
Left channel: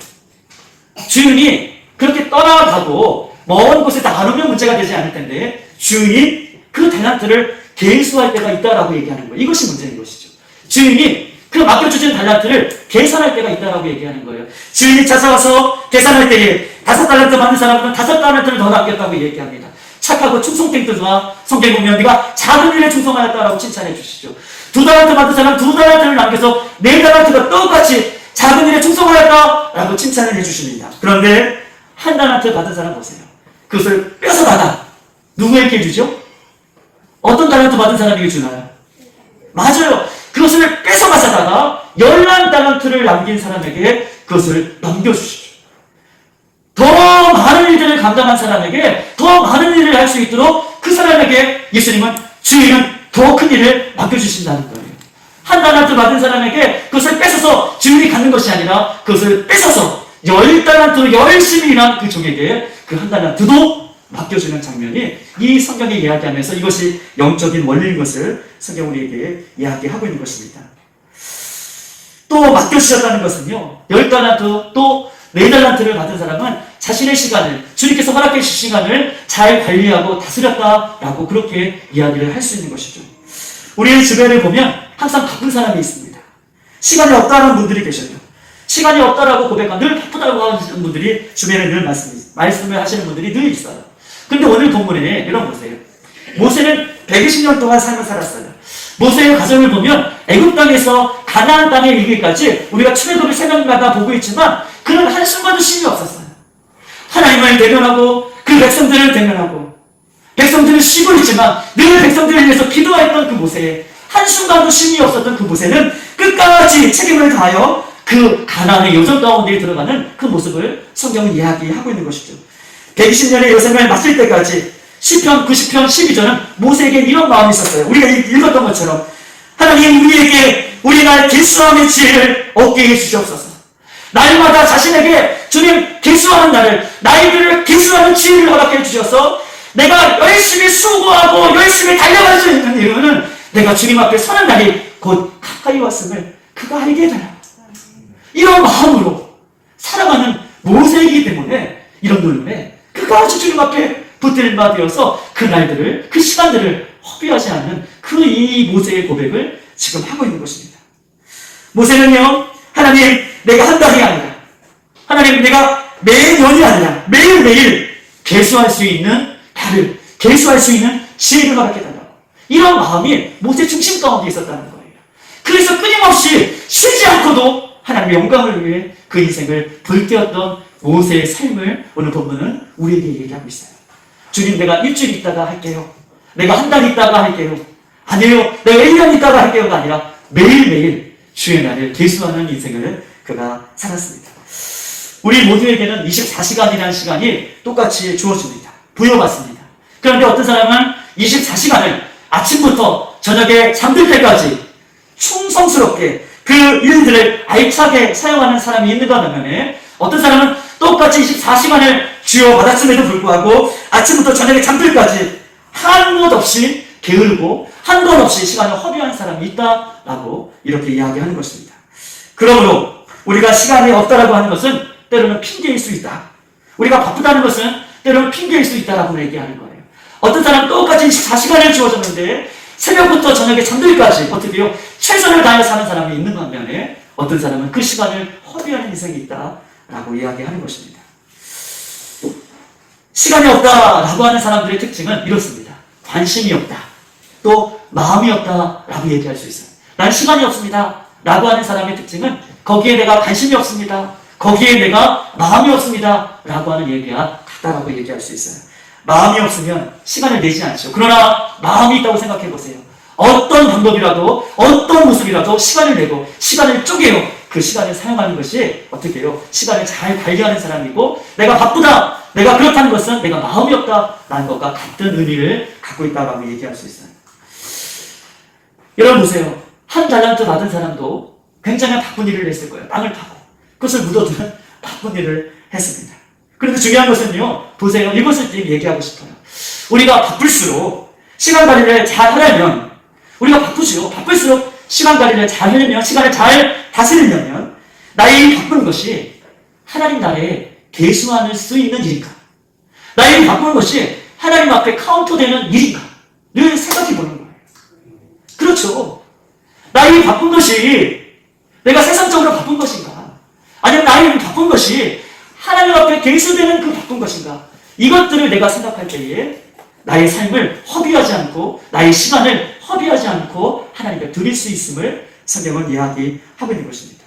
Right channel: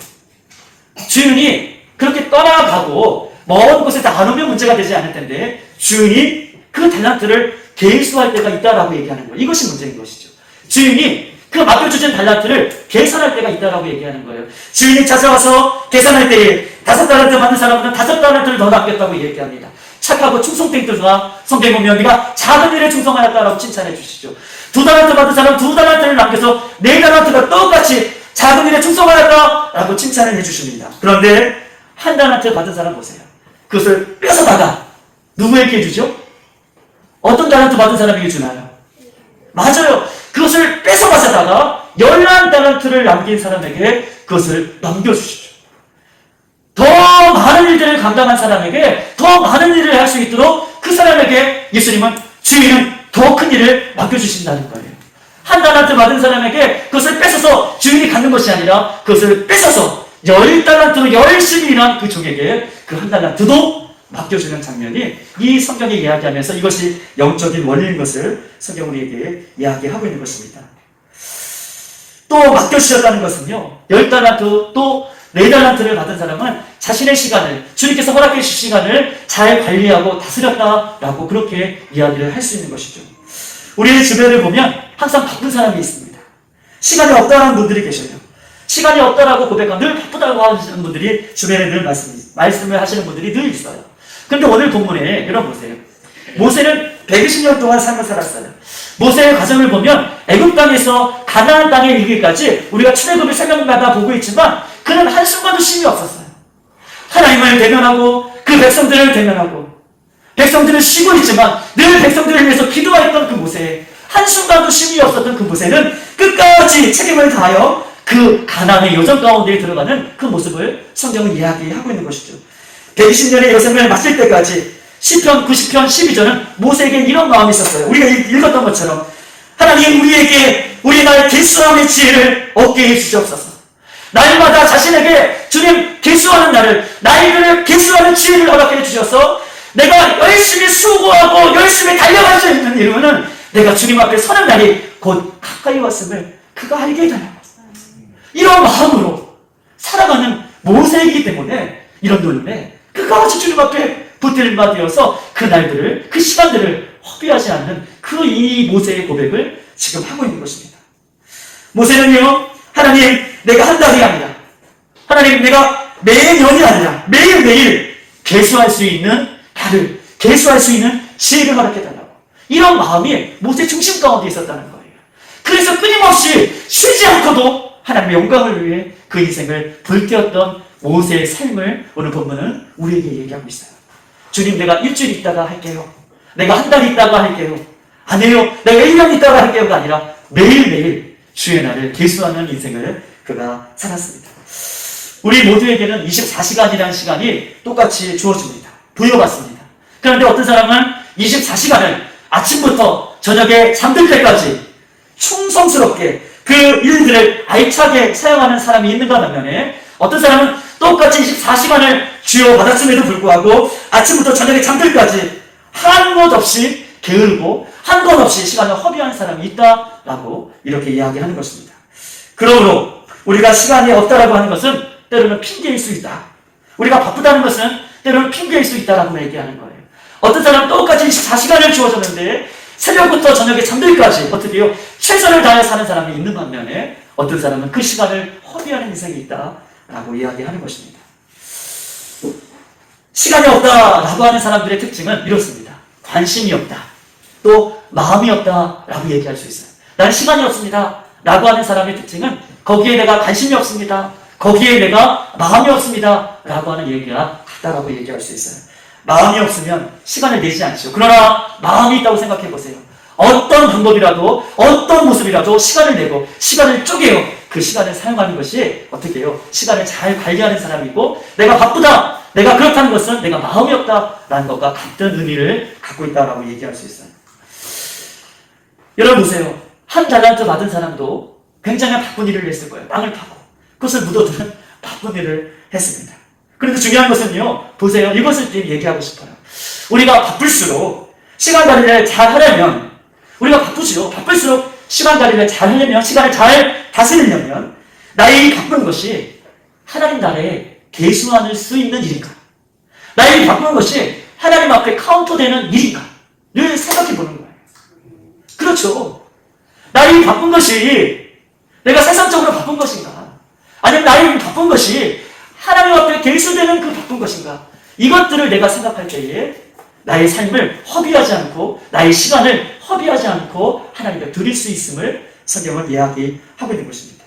주인이 그렇게 떠나가고 먼 곳에 안 오면 문제가 되지 않을 텐데 주인이 그 달란트를 계수할 때가 있다라고 얘기하는 거예요. 이것이 문제인 것이죠. 주인이 그 맡겨주신 달란트를 계산할 때가 있다라고 얘기하는 거예요. 주인이 찾아와서 계산할 때에 5달란트 받는 사람은 5달란트를 더 남겼다고 얘기합니다. 착하고 충성된 들과 성경에 보면 네가 작은 일에 충성하였다라고 칭찬해 주시죠. 2달란트 받은 사람 2달란트를 남겨서 4달란트가 똑같이 작은 일에 충성하였다라고 칭찬을 해주십니다. 그런데 1달란트 받은 사람 보세요. 그것을 뺏어다가 누구에게 주죠? 어떤 달란트 받은 사람에게 주나요? 맞아요. 그것을 뺏어가다가 11달란트를 남긴 사람에게 그것을 넘겨주시죠. 더 많은 일들을 감당한 사람에게 더 많은 일을 할 수 있도록 그 사람에게 예수님은 주인은 더 큰 일을 맡겨주신다는 거예요. 1달란트 받은 사람에게 그것을 뺏어서 주인이 갖는 것이 아니라 그것을 뺏어서 10달란트 열심히 일한 그 종에게 그 1달란트도 맡겨주는 장면이 이 성경에 이야기하면서 이것이 영적인 원리인 것을 성경 우리에게 이야기하고 있는 것입니다. 또 맡겨주셨다는 것은요, 10달란트 또 4달란트를 받은 사람은 자신의 시간을, 주님께서 허락해 주신 시간을 잘 관리하고 다스렸다라고 그렇게 이야기를 할 수 있는 것이죠. 우리의 주변을 보면 항상 바쁜 사람이 있습니다. 시간이 없다라는 분들이 계셔요. 시간이 없다라고 고백하고 늘 바쁘다고 하시는 분들이 주변에 늘 말씀을 하시는 분들이 늘 있어요. 그런데 오늘 본문에 여러분 보세요. 모세는 120년 동안 삶을 살았어요. 모세의 과정을 보면 애굽 땅에서 가나안 땅에 이르기까지 우리가 출애굽의 새벽마다 보고 있지만 그는 한순간도 쉼이 없었어요. 하나님을 대면하고 그 백성들을 대면하고 백성들은 쉬고 있지만 늘 백성들을 위해서 기도했던 그 모세, 한순간도 쉼이 없었던 그 모세는 끝까지 책임을 다하여 그 가나안의 여정 가운데 들어가는 그 모습을 성경은 이야기하고 있는 것이죠. 120년의 여생을 마칠 때까지 시편 90편 12절은 모세에게 이런 마음이 있었어요. 우리가 읽었던 것처럼 하나님 우리에게 우리나라의 길수함의 지혜를 얻게 해주시옵소서. 날마다 자신에게 주님 길수하는 날을 나에게 길수하는 지혜를 허락해 주셔서 내가 열심히 수고하고 열심히 달려갈 수 있는 이유는 내가 주님 앞에 서는 날이 곧 가까이 왔음을 그가 알게 해달라고. 이런 마음으로 살아가는 모세이기 때문에 이런 노림에 끝까지 주님 앞에 붙들마 되어서 그 날들을, 그 시간들을 허비하지 않는 그 이 모세의 고백을 지금 하고 있는 것입니다. 모세는요, 하나님, 내가 한 달이 아니라, 하나님, 내가 매년이 아니라 매일매일 계수할 수 있는 달을, 계수할 수 있는 지혜를 허락해달라고. 이런 마음이 모세 중심 가운데 있었다는 거예요. 그래서 끊임없이 쉬지 않고도 하나님의 영광을 위해 그 인생을 불태웠던 모세의 삶을 오늘 본문은 우리에게 얘기하고 있어요. 주님, 내가 일주일 있다가 할게요. 내가 한 달 있다가 할게요. 아니에요. 내가 1년 있다가 할게요가 아니라 매일매일 주의 날을 계수하는 인생을 그가 살았습니다. 우리 모두에게는 24시간이라는 시간이 똑같이 주어집니다. 부여받습니다. 그런데 어떤 사람은 24시간을 아침부터 저녁에 잠들 때까지 충성스럽게 그 일들을 알차게 사용하는 사람이 있는가 하면 어떤 사람은 똑같이 24시간을 주어받았음에도 불구하고 아침부터 저녁에 잠들까지 한 것 없이 게으르고 한 것 없이 시간을 허비하는 사람이 있다라고 이렇게 이야기하는 것입니다. 그러므로 우리가 시간이 없다라고 하는 것은 때로는 핑계일 수 있다. 우리가 바쁘다는 것은 때로는 핑계일 수 있다라고 얘기하는 거예요. 어떤 사람은 똑같이 24시간을 주어졌는데 새벽부터 저녁에 잠들기까지 어떻게 해요? 최선을 다해 사는 사람이 있는 반면에 어떤 사람은 그 시간을 허비하는 인생이 있다라고 이야기하는 것입니다. 시간이 없다라고 하는 사람들의 특징은 이렇습니다. 관심이 없다. 또 마음이 없다라고 얘기할 수 있어요. 난 시간이 없습니다. 라고 하는 사람의 특징은 거기에 내가 관심이 없습니다. 거기에 내가 마음이 없습니다. 라고 하는 얘기가 같다라고 얘기할 수 있어요. 마음이 없으면 시간을 내지 않죠. 그러나 마음이 있다고 생각해 보세요. 어떤 방법이라도 어떤 모습이라도 시간을 내고 시간을 쪼개요. 그 시간을 사용하는 것이 어떻게 해요? 시간을 잘 관리하는 사람이고 내가 바쁘다. 내가 그렇다는 것은 내가 마음이 없다라는 것과 같은 의미를 갖고 있다라고 얘기할 수 있어요. 여러분 보세요. 한 달란트 받은 사람도 굉장히 바쁜 일을 했을 거예요. 땅을 파고 그것을 묻어두는 바쁜 일을 했습니다. 그런데 중요한 것은요. 보세요. 이것을 얘기하고 싶어요. 우리가 바쁠수록 시간 관리를 잘 하려면 우리가 바쁘지요. 바쁠수록 시간 관리를 잘 하려면 시간을 잘 다스리려면 나의 바쁜 것이 하나님 나라에 계수할 수 있는 일인가? 나의 바쁜 것이 하나님 앞에 카운터되는 일인가? 늘 생각해 보는 거예요. 그렇죠. 나의 바쁜 것이 내가 세상적으로 바쁜 것인가? 아니면 나의 바쁜 것이 하나님 앞에 계수되는 그 바쁜 것인가? 이것들을 내가 생각할 때에 나의 삶을 허비하지 않고 나의 시간을 허비하지 않고 하나님께 드릴 수 있음을 성경은 이야기하고 있는 것입니다.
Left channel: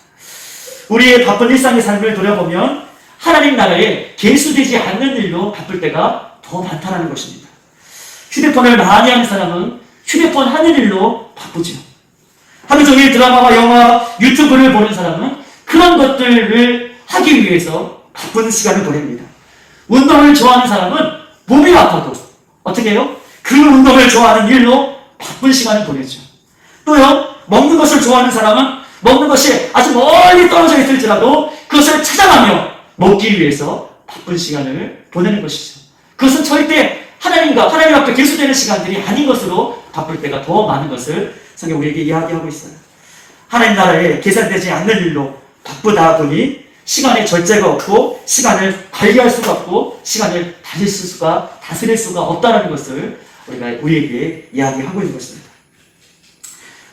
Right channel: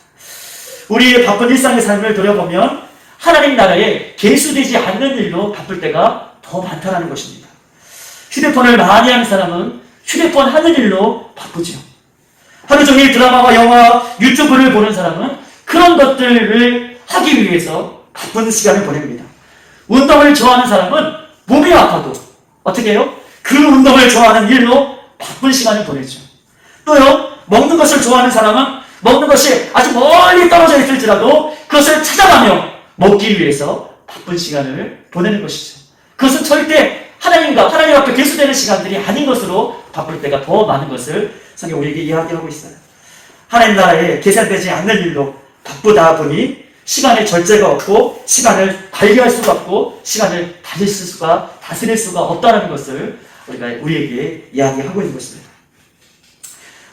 우리의 바쁜 일상의 삶을 돌아보면 하나님 나라에 계수되지 않는 일로 바쁠 때가 더 많다는 것입니다. 휴대폰을 많이 하는 사람은 휴대폰 하는 일로 바쁘죠. 하루 종일 드라마와 영화, 유튜브를 보는 사람은 그런 것들을 하기 위해서 바쁜 시간을 보냅니다. 운동을 좋아하는 사람은 몸이 아파도 어떻게 해요? 그 운동을 좋아하는 일로 바쁜 시간을 보내죠. 또요, 먹는 것을 좋아하는 사람은 먹는 것이 아주 멀리 떨어져 있을지라도 그것을 찾아가며 먹기 위해서 바쁜 시간을 보내는 것이죠. 그것은 절대 하나님 앞에 계수되는 시간들이 아닌 것으로 바쁠 때가 더 많은 것을 성경 우리에게 이야기하고 있어요. 하나님 나라에 계산되지 않는 일로 바쁘다 보니 시간에 절제가 없고 시간을 관리할 수가 없고 시간을 다스릴 수가 없다는 것을 우리에게 이야기하고 있는 것입니다.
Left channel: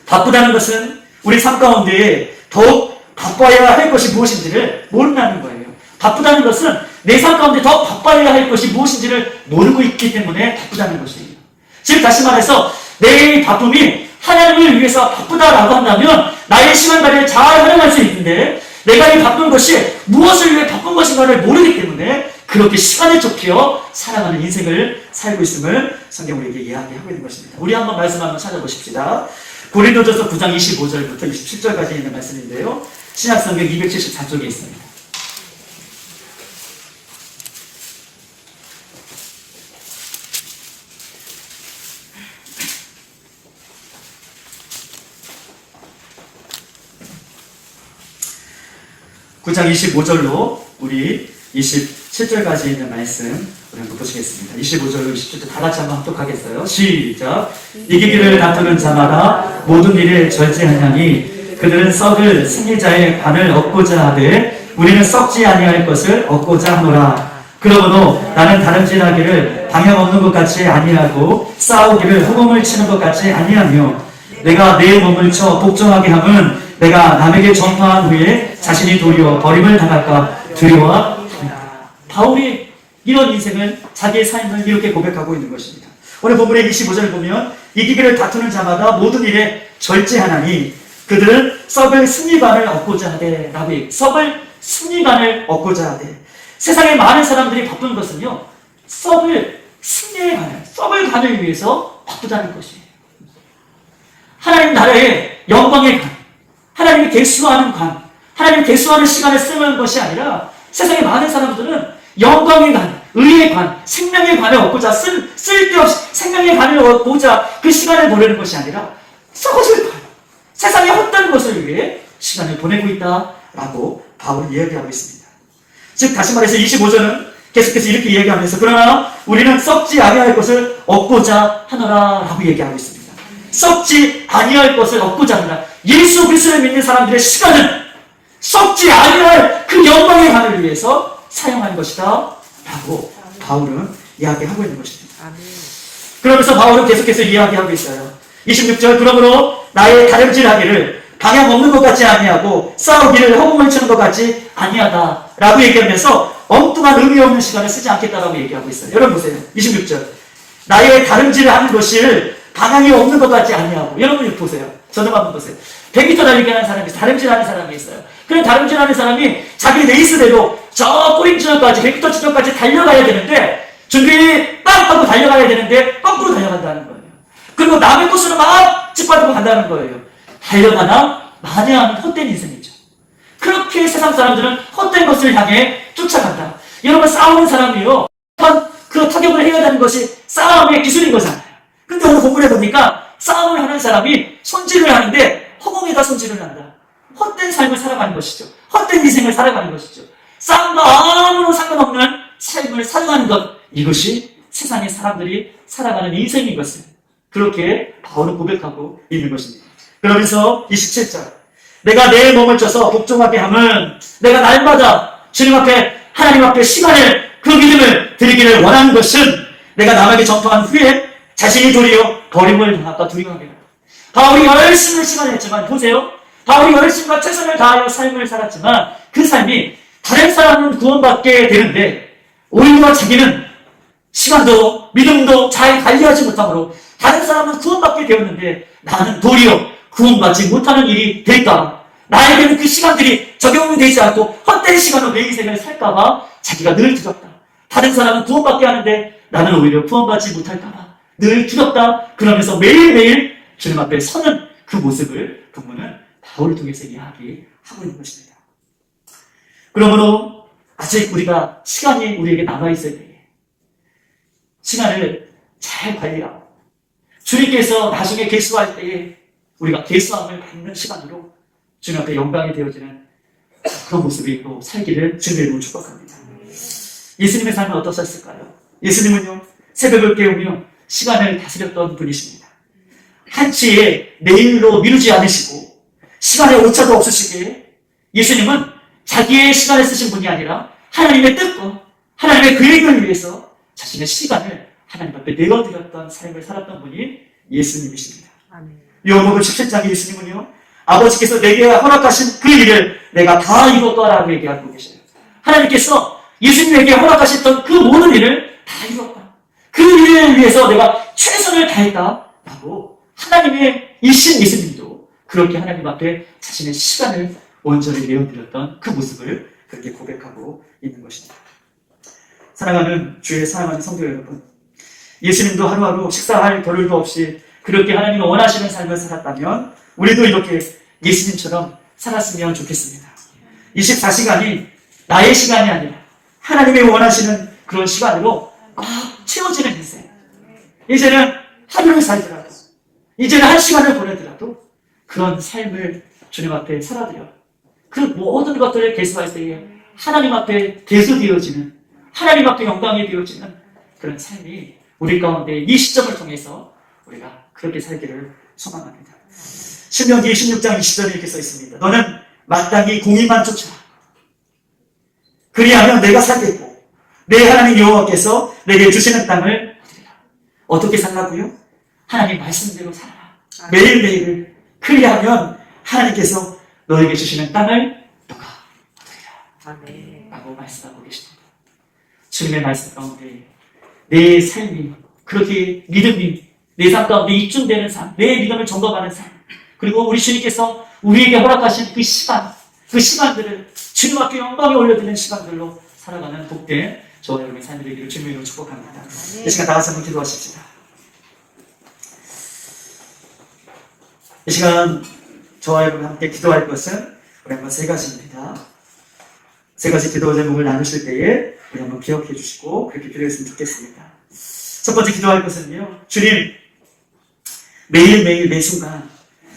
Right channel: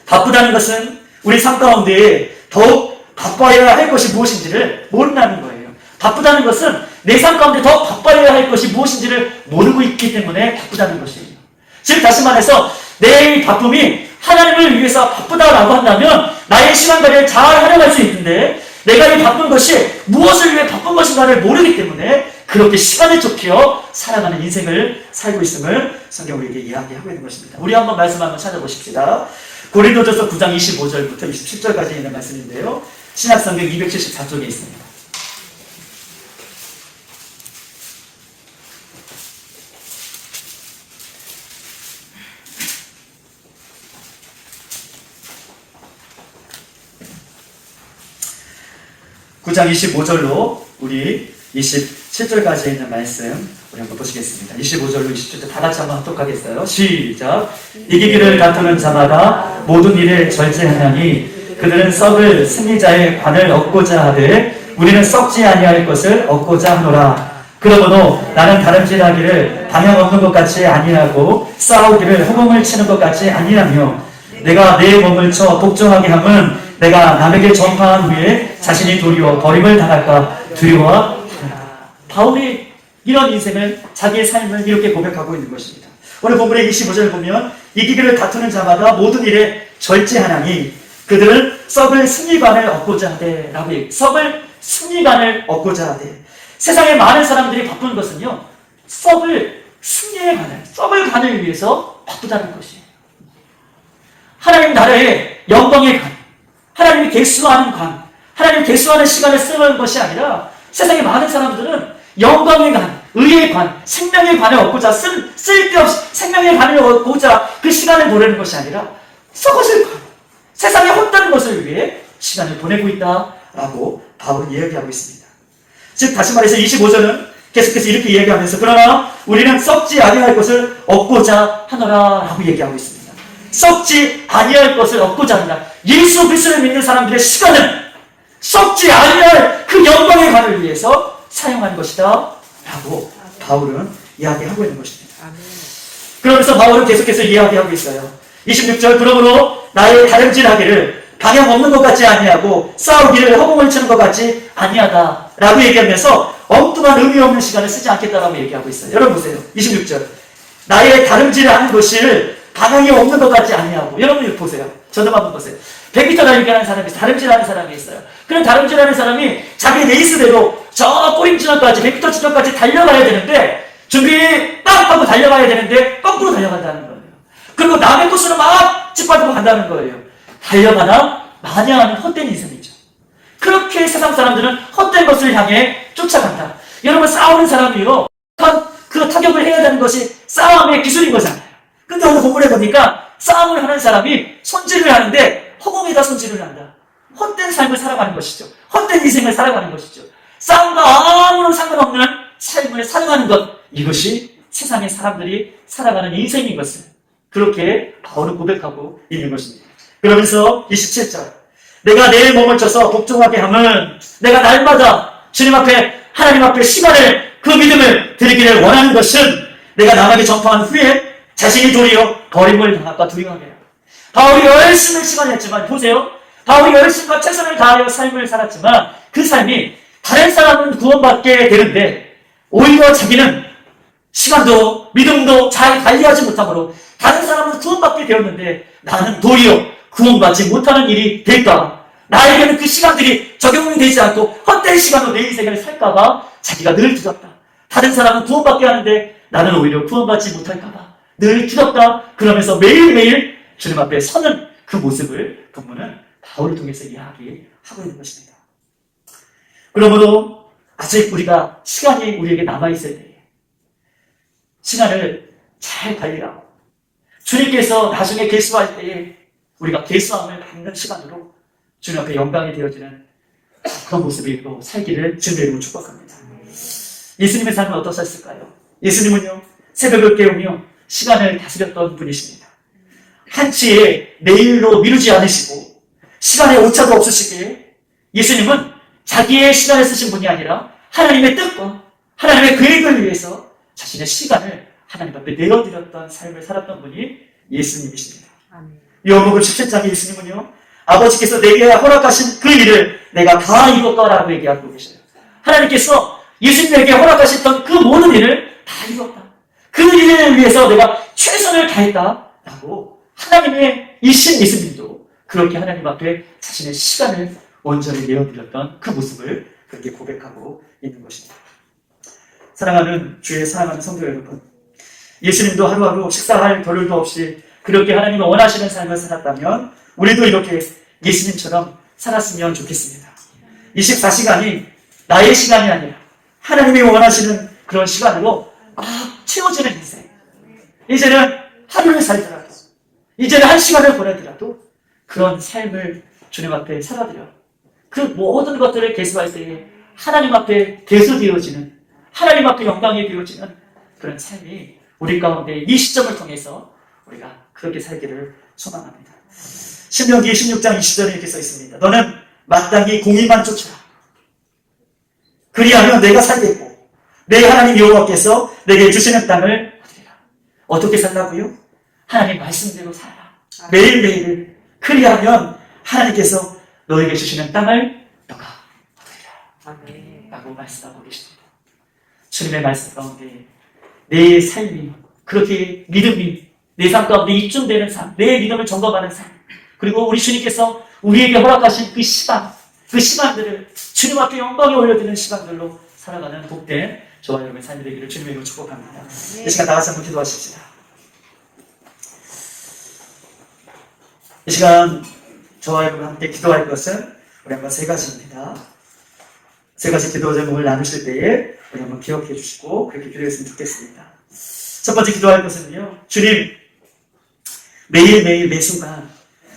바쁘다는 것은 우리 삶 가운데 더욱 바빠야 할 것이 무엇인지를 모른다는 거예요. 바쁘다는 것은 내 삶 가운데 더 바빠야 할 것이 무엇인지를 모르고 있기 때문에 바쁘다는 것이에요. 즉 다시 말해서 내 바쁨이 하나님을 위해서 바쁘다라고 한다면 나의 시간 관리를 잘 활용할 수 있는데 내가 이 바쁜 것이 무엇을 위해 바쁜 것인가를 모르기 때문에 그렇게 시간에 쫓겨 살아가는 인생을 살고 있음을 성경 우리에게 이야기하고 있는 것입니다. 우리 한번 말씀 한번 찾아보십시다. 고린도전서 9장 25절부터 27절까지 있는 말씀인데요. 신약성경 274쪽에 있습니다. (9장 25절로) 우리 27절까지 있는 말씀 우리 한번 보시겠습니다. 25절로 27절 다 같이 한번 합독하겠어요. 시작. 이기기를 다투는 자마다 모든 일을 절제하냐니 그들은 썩을 승리자의 관을 얻고자 하되 우리는 썩지 아니할 것을 얻고자 하노라. 그러므로 나는 다름질하기를 방향 없는 것 같이 아니하고 싸우기를 호봉을 치는 것 같이 아니하며 내가 내 몸을 쳐 복종하게 함은 내가 남에게 전파한 후에 자신이 도리어 버림을 당할까 두려워합니다. 바울이 이런 인생을 자기의 삶을 이렇게 고백하고 있는 것입니다. 오늘 본문의 25절을 보면 이기기를 다투는 자마다 모든 일에 절제하나니 그들은 썩을 승리관을 얻고자 하되 라고 썩을 승리관을 얻고자 하되 세상에 많은 사람들이 바쁜 것은요 썩을 승리의 관을 썩을 관을 위해서 바쁘다는 것이에요. 하나님 나라의 영광의 관, 하나님이 계수하는 관, 하나님이 계수하는 시간을 쓰는 것이 아니라 세상에 많은 사람들은 영광의 관, 의의 관, 생명의 관을 얻고자 쓸데없이 생명의 관을 얻고자 그 시간을 보내는 것이 아니라 썩어질 관, 세상에 헛다른 것을 위해 시간을 보내고 있다라고 바울은 이야기하고 있습니다. 즉 다시 말해서 25절은 계속해서 이렇게 얘기하면서 그러나 우리는 썩지 아니할 것을 얻고자 하노라 라고 얘기하고 있습니다. 썩지 아니할 것을 얻고자 하노라. 예수 그리스도를 믿는 사람들의 시간은 썩지 아니할 그 영광의 관을 위해서 사용하는 것이다 라고 바울은 이야기하고 있는 것입니다. 그러면서 바울은 계속해서 이야기하고 있어요. 26절 그러므로 나의 다름질하기를 방향 없는 것 같지 아니하고 싸우기를 허공을 치는 것 같지 아니하다 라고 얘기하면서 엉뚱한 의미 없는 시간을 쓰지 않겠다라고 얘기하고 있어요. 여러분 보세요. 26절 나의 다름질을 하는 것을 방향이 없는 것 같지 아니하고 여러분 이거 보세요. 저는 한번 보세요. 100m 달리기 하는 사람이 있어요. 다름질하는 사람이 있어요. 그런 다름질하는 사람이 자기 레이스대로 저 꼬림 지점까지 100m 지점까지 달려가야 되는데 준비 빵 하고 달려가야 되는데 거꾸로 달려간다는 거예요. 그리고 남의 코스는 막 짓밟고 간다는 거예요. 달려가나 마냐 하는 헛된 인생이죠. 그렇게 세상 사람들은 헛된 것을 향해 쫓아간다. 여러분 싸우는 사람이요. 그 타격을 해야 되는 것이 싸움의 기술인 거잖아요. 근데 오늘 본문에 보니까 싸움을 하는 사람이 손질을 하는데 허공에다 손질을 한다. 헛된 삶을 살아가는 것이죠. 헛된 인생을 살아가는 것이죠. 싸움과 아무런 상관없는 삶을 살아가는 것. 이것이 세상의 사람들이 살아가는 인생인 것을 그렇게 바울은 고백하고 있는 것입니다. 그러면서 27절 내가 내 몸을 쳐서 복종하게 함은 내가 날마다 주님 앞에 하나님 앞에 시간을 그 믿음을 드리기를 원하는 것은 내가 남에게 전파한 후에 자신이 도리어 버림을 당할까 두려워하게 합니다. 바울이 열심히 시간을 했지만 보세요. 바울이 열심과 최선을 다하여 삶을 살았지만 그 삶이 다른 사람은 구원받게 되는데 오히려 자기는 시간도 믿음도 잘 관리하지 못하므로 다른 사람은 구원받게 되었는데 나는 도리어 구원받지 못하는 일이 될까? 나에게는 그 시간들이 적용되지 않고 헛된 시간으로 내 인생을 살까봐 자기가 늘 두렵다. 다른 사람은 구원받게 하는데 나는 오히려 구원받지 못할까봐 늘 두렵다. 그러면서 매일매일 주님 앞에 서는 그 모습을 본문은 바울을 통해서 이야기하고 있는 것입니다. 그러므로 아직 우리가 시간이 우리에게 남아있을 때에 시간을 잘 관리하고 주님께서 나중에 계수할 때에 우리가 계수함을 받는 시간으로 주님 앞에 영광이 되어지는 그런 모습이 또 살기를 주님의 이름으로 축복합니다. 예수님의 삶은 어떠셨을까요? 예수님은요 새벽을 깨우며 시간을 다스렸던 분이십니다. 한치의 내일로 미루지 않으시고 시간에 오차도 없으시기에 예수님은 자기의 시간을 쓰신 분이 아니라 하나님의 뜻과 하나님의 계획을 위해서 자신의 시간을 하나님 앞에 내어드렸던 삶을 살았던 분이 예수님이십니다. 요한복음 17장의 예수님은요 아버지께서 내게 허락하신 그 일을 내가 다 이뤘다라고 얘기하고 계셔요. 하나님께서 예수님에게 허락하셨던 그 모든 일을 다 이뤘다. 그 일을 위해서 내가 최선을 다했다라고 하나님의 이신 예수님도 그렇게 하나님 앞에 자신의 시간을 온전히 내어드렸던 그 모습을 그렇게 고백하고 있는 것입니다. 사랑하는 주의 사랑하는 성도 여러분, 예수님도 하루하루 식사할 겨를도 없이 그렇게 하나님이 원하시는 삶을 살았다면 우리도 이렇게 예수님처럼 살았으면 좋겠습니다. 24시간이 나의 시간이 아니라 하나님이 원하시는 그런 시간으로 막 채워지는 인생. 이제는 하루를 살더라도 이제는 한 시간을 보내더라도 그런 삶을 주님 앞에 살아드려 그 모든 것들을 계수할 때에 하나님 앞에 계수되어지는 하나님 앞에 영광이 되어지는 그런 삶이 우리 가운데 이 시점을 통해서 우리가 그렇게 살기를 소망합니다. 신명기 16장 20절에 이렇게 써 있습니다. 너는 마땅히 공의만 쫓으라. 그리하면 내가 살겠고 내 하나님 여호와께서 내게 주시는 땅을 얻으리라. 어떻게 살라고요? 하나님 말씀대로 살아라. 매일매일을 그리하면 하나님께서 너에게 주시는 땅을 너가 얻으리라. 라고 말씀하고 계십니다. 주님의 말씀 가운데 내 삶이 그렇게 믿음이 내 삶 가운데 입증되는 삶, 내 믿음을 점검하는 삶, 그리고 우리 주님께서 우리에게 허락하신 그 시간, 그 시간들을 주님 앞에 영광에 올려드리는 시간들로 살아가는 복된 저와 여러분의 삶이 되기를 주님의 이름으로 축복합니다. 이 시간 나와서 한번 기도하십시다. 이 시간 저와 여러분 함께 기도할 것은 우리 한번 세 가지입니다. 세 가지 기도 제목을 나누실 때에 우리 한번 기억해 주시고 그렇게 기도했으면 좋겠습니다. 첫 번째 기도할 것은요, 주님, 매일매일 매 순간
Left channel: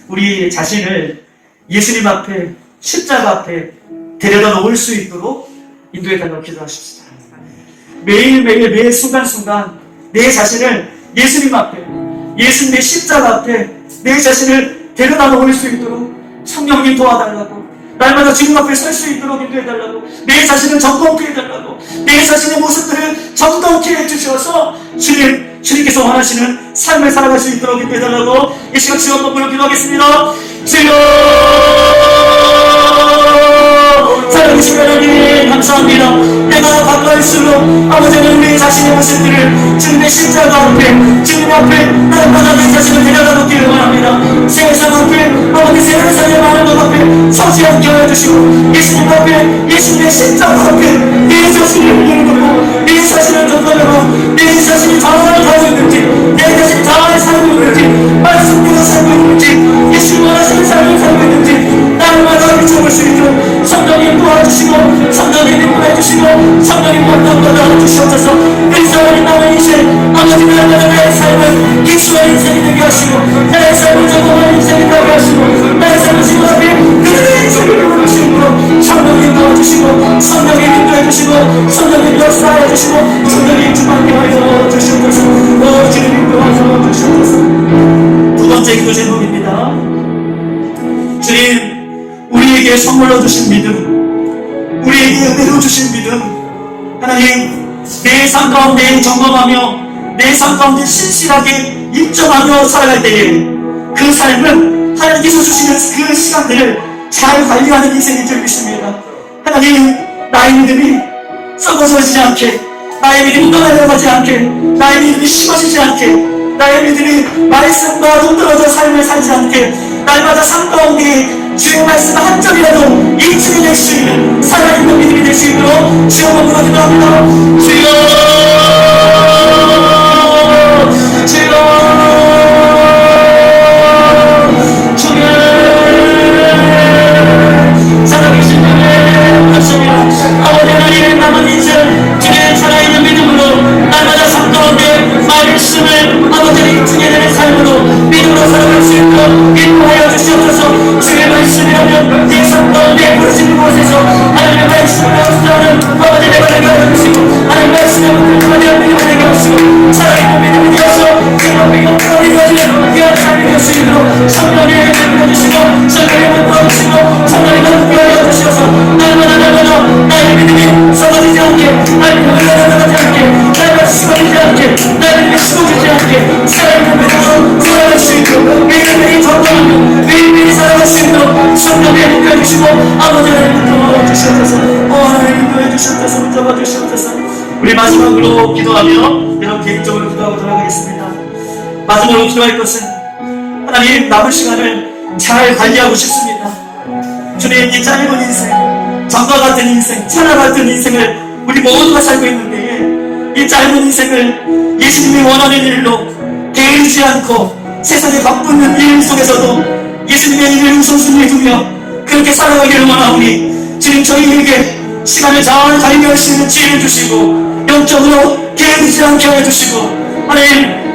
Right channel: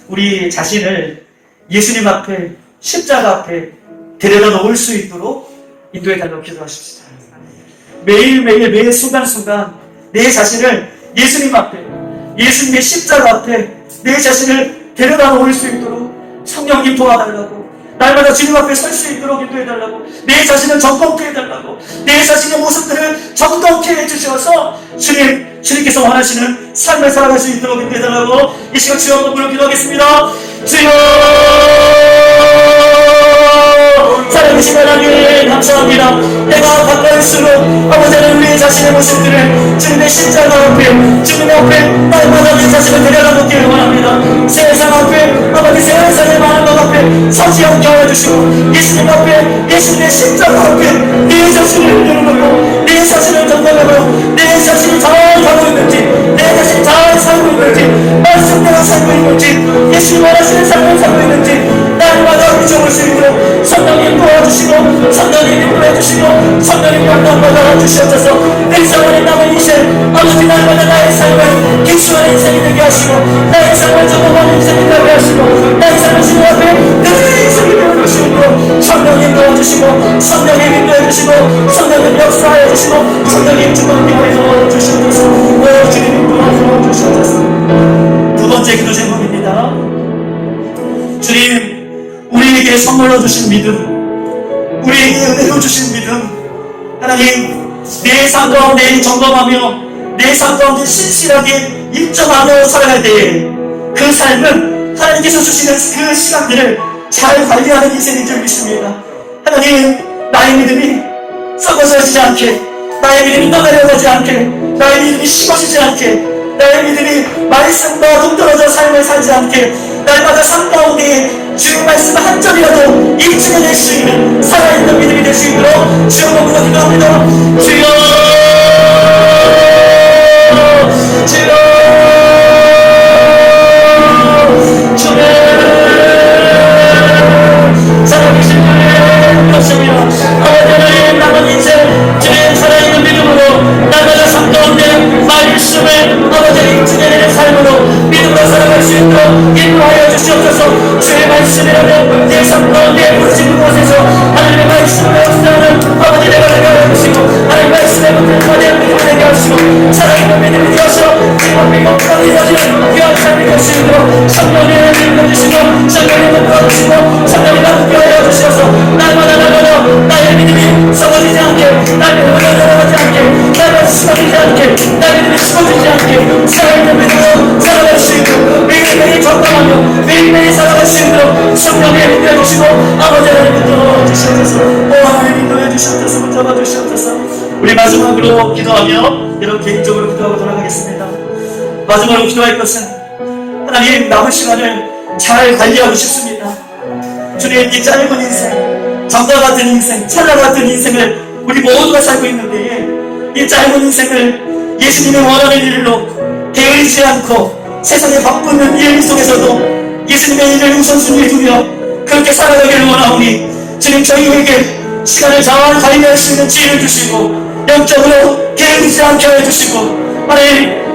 우리 자신을 예수님 앞에 십자가 앞에 데려다 놓을 수 있도록 인도해 달라고 기도하십시다. 매일매일 매 순간순간 내 자신을 예수님 앞에, 예수님의 십자가 앞에 내 자신을 데려다 놓을 수 있도록 성령님 도와달라고 날마다 주님 앞에 설 수 있도록 인도해달라고, 내 자신을 정건케 해달라고, 내 자신의 모습들을 정건케 해주셔서 주님께서 원하시는 삶을 살아갈 수 있도록 인도해달라고 이 시간 주여 한번 부르기도 하겠습니다. 주여, 살아계신 하나님 감사합니다. 내가 가까울수록 아버지는 우리 자신의 모습들을 주님의 십자가 앞에, 주님 앞에 날마다 내 자신을 내려놓기를 원합니다. 세상 앞에, 아버지 세상의 많은 것 앞에 서지 않게 하여 주시고, 예수님 앞에, 예수님의 십자가 앞에 내 자신을 내려놓고, 내 자신을 정돈하고, 내 자신이 잘 가고 있는지, 내 자신이 잘 살고 있는지, 말씀대로 살고 있는지, 예수님 원하시는 삶을 살고 있는지 날마다 비춰볼 수 있도록 성령님 도와주시고, 성령님이 보내주시고, 성령님 만나받아 주시옵소서. 내 사랑의 남은 인생, 아버지 날마다 나의 삶을 기수한 인생이 되게 하시고, 나의 삶을 적응한 인생이 되게 하시고, 나의 삶을 지금 앞에 그 인생이 되게 하시고, 성령님 도와주시고, 성령님 인도해주시고, 성령님 역사해주시고, 성령님 주관케 하여 주시옵소서. 오 주님 도와줘 주시옵소서. 두 번째 기도 제목입니다. 주님, 우리에게 선물로 주신 믿음, 우리에게 은혜로 주신 믿음, 하나님, 내 삶 가운데 점검하며 내 삶 가운데 신실하게 입점하며 살아갈 때에 그 삶은 하나님께서 주시는 그 시간들을 잘 관리하는 인생인 줄 믿습니다. 하나님, 나의 믿음이 썩어지지 않게, 나의 믿음이 떠내려가지 않게, 나의 믿음이 식어지지 않게, 나의 믿음이 말씀과 동떨어져 삶을 살지 않게, 날마다 삶 가운데 주의 말씀 한 점이라도 입증해낼 수 있는 살아있는 믿음이 될 수 있도록 주여 부르기도 합니다. 주여, 주여, 주여, 살아계신 주님 감사합니다. 아버지 하나님, 남은 인생 주님 살아있는 믿음으로 날마다 삶 가운데 말씀을 아버지 입증해내는 삶으로 믿음으로 살아갈 수 있도록 인도하여 주시옵소서. 주의 말씀이라면 내 삶 가운데 부르신 곳에서 하나님의 말씀을 역사하는 아버지 내가 되게 하시고, 하나님의 말씀을 붙들어내는 믿음이 되게 하시고, 살아있는 믿음이 되어서 지금 이것까지 가지는 귀한 삶이 될 수 있도록 성령의 은혜를 주시고, 성령의 은혜를 주시고, 성령의 함께하여 주셔서 날마다 나의 믿음이 썩어지지 않게, 나의 믿음이 나가지 않게, 나의 식어지지 않게, 나의 믿음이 식어지지 않게 살아있는 믿음으로 살아갈 수 있고, 매일매일 점검하며 매일매일 살아갈 수 있도록 성령의 인도해 주시고, 아버지 하나님 붙들어 주시옵소서. 오 하나님 인도해 주시옵소서. 붙잡아 주시옵소서. 우리 마지막으로 기도하며 여러분 개인적으로 기도하고 돌아가겠습니다. 마지막으로 기도할 것은 하나님, 남은 시간을 잘 관리하고 싶습니다. 주님, 이 짧은 인생, 전과 같은 인생, 천하 같은 인생을 우리 모두가 살고 있는데, 이 짧은 인생을 예수님이 원하는 일로 게으르지 않고 세상에 바쁘는 일 속에서도 예수님의 일을 우선순위에 두며 그렇게 살아가기를 원하오니, 주님 저희에게 시간을 잘 관리할 수 있는 지혜를 주시고, 영적으로 게으르지 않게 하여 주시고,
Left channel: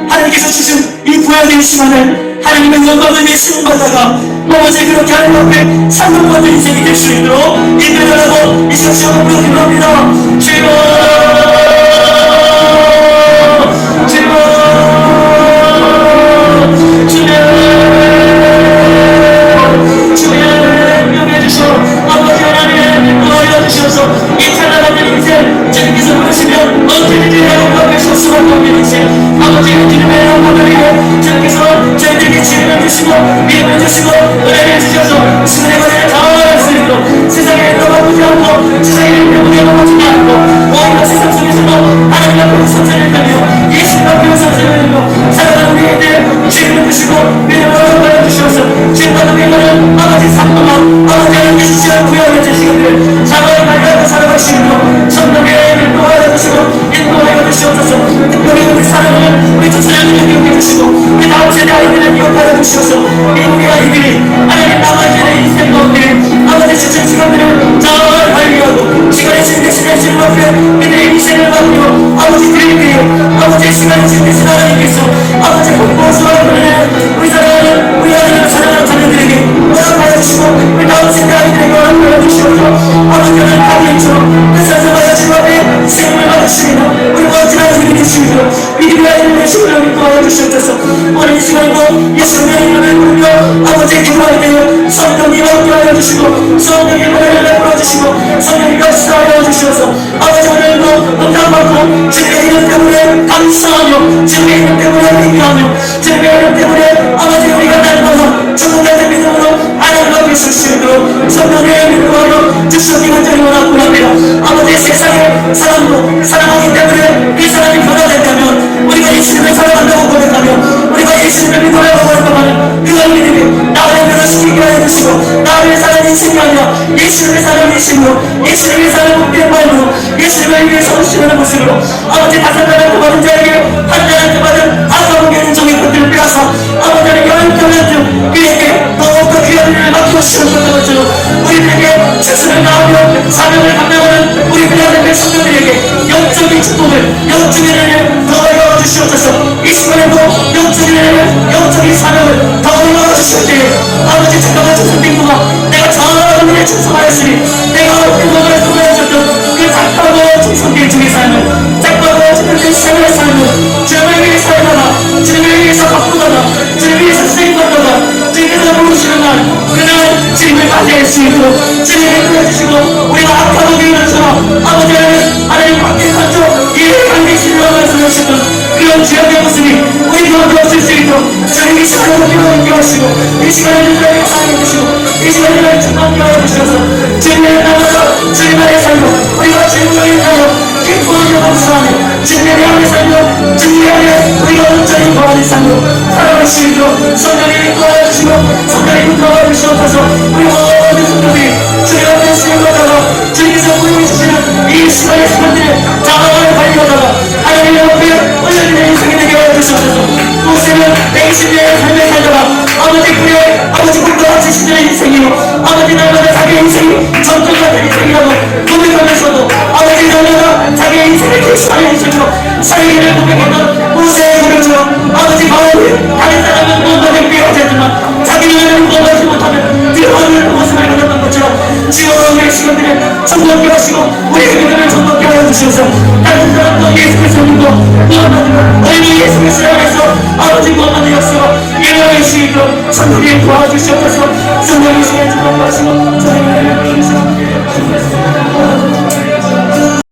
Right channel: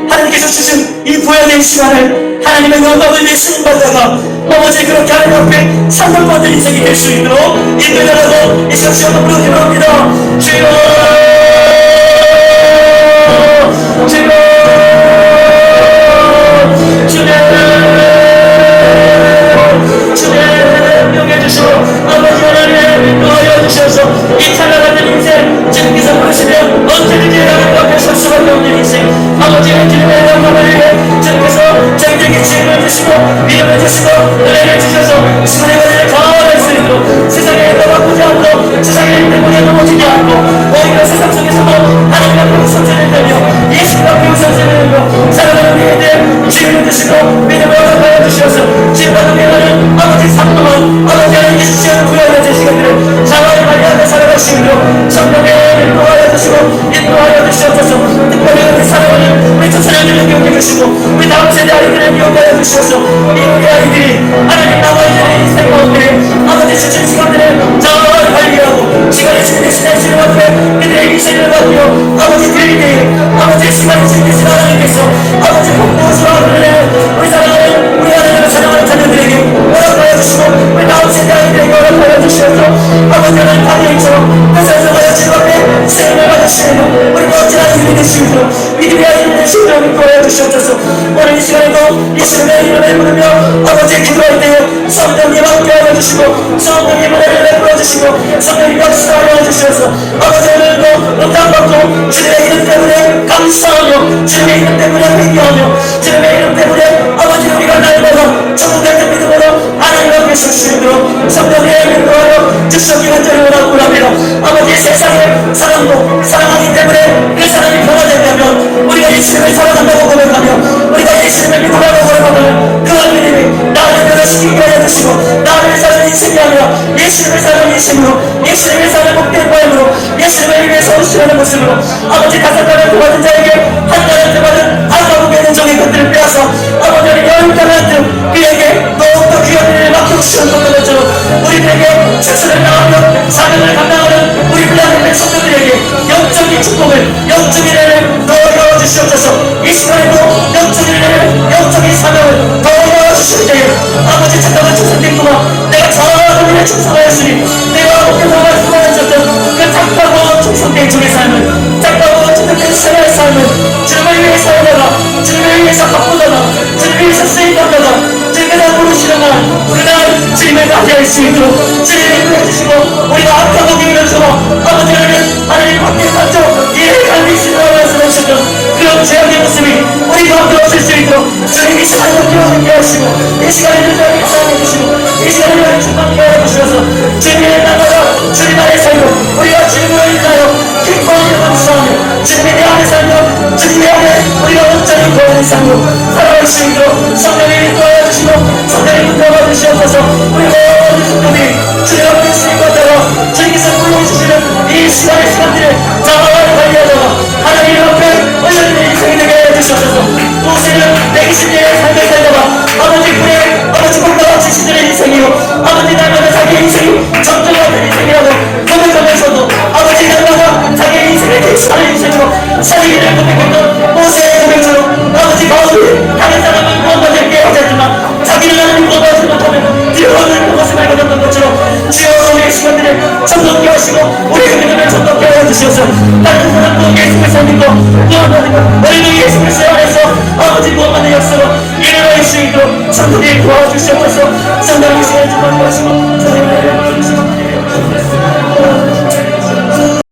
하나님께서 주신 이 부여된 시간을 하나님의 영광을 위해 쓰임받다가 아버지 그렇게 하나님 앞에 상급받는 인생이 될 수 있도록 인도해달라고 이 시간 시험으로 기도합니다. 주여, 주여, 주님 명해 주시오. 아버지 하나님 도와여 주셔서 이 찬란한 인생 주님께서 부르시면 언제든지 하나님 앞에 설 수밖에 없는 인생, 아버지 주님의 영광을 위해 주님께서 저희에게 지혜를 주시고 믿음을 주시고 은혜를 주셔서 주님의 것을 잘 할 수 있도록 세상에 인도받지 않고 세상에 주시고 성령님 역사하여 주셔서 아버지 오늘도 응답받고 주님의 이름 때문에 감사하며 주님의 이름 때문에 회개하며 주님의 이름 때문에 아버지 우리가 날마다 천국의 믿음으로 하나님 앞에 설 수 있도록 성령의 믿음으로 즉석이는 자를 원하고 합니다. 아버지 세상에 사람도 사랑하기 때문에 그 사람이 변화된다면 우리가 예수님을 사랑한다고 고백하며 우리가 예수님을 믿으라고 고백하면 그 믿음이 나를 변화시키게 해주시고 나를 사는 인생이 아니라 예수님을 사는 인생으로 예수님을 사는 목표의 마음으로 예수님을 위해서 오시려는 모습으로 아버지 5달란트 받은 자에게 1달란트 받은 아까보기에는 종의 것들을 빼앗아 아버지는 10달란트 그에게 더욱더 귀한 일을 맡겨주시는 것처럼 우리들에게 최선을 다하며 사명을 감당하는 우리 그라는 백성들에게 영적인 축복을 영적인 은혜를 더 열어주시옵소서. 이 시간에도 영적인 은혜를 영적인 사명을 더 열어주실 때에 아버지 잠깐만 충성된구나 내가 정확한 은혜에 충성하였으니 내가 어떻게 말씀하셨던 그 작다고 충성된 중의 삶을 작다고 충성된 생활의 삶을 주님을 위해 살다가 주님을 위해서 바꾸다가 주님을 위해서 쓰임받다가 주님께서 부르시는 날 그날 주님을 맞이할 수 있도록 주님이 보여주시고 우리가 악하고 기회를 주어 아버지 하나님 밖에 만족 이해를 갈비시라고 말씀하셨던 그런 죄악의 모습이 우리 가운데 없을 수 있도록 주님이 시간을 공개하게 하시고 이 시간을 주님을 사랑해 주시고 이 시간을 우리를 충만케 하여 주셔서 주님을 나가라 주님 안에 살고 우리가 주님으로 인하여 기뻐하며 감사하며 주님의 안에 살고 주님의 안에 우리가 온전히 구하는 삶으로 살아갈 수 있도록 성령이 구하여 주시고 성령이 구하여 주시옵소서 우리 모든 성도들이 주님 앞에 수임받다가 주님께서 보여주시는 이 시간의 시간들을 장황을 발휘하다가 하나님 앞에 올려주는 인생이 되게 해주시옵소서. 모세는 내 20대의 삶을 살다가 아버지 그의 아버지 공부와 지신들의 인생이요 아버지 날마다 자기 인생이 전쟁하는 인생이라고 고백하면서도 아버지 날마다 자기 인생을 개척하는 인생이고 살기를 고백했던 모세의 고백처럼 아버지 가운데 다른 사람은 무엇을 깨어졌지만 자기는 무엇하지 못하면 들어오는 모습을 가졌던 것처럼 지금의 시간들을 전복케 하시고 우리의 믿음을 전복케 하여 주시옵소서. 다른 사람도 예수 그리스도님도 무엇하지만 우리 예수 그리스도 안에서 아버지 무엇만의 역사가 일어날 수 있도록 성령이 도와주시옵소서. 성령이 시간을 주목하시고 저희를 알려주시옵소서.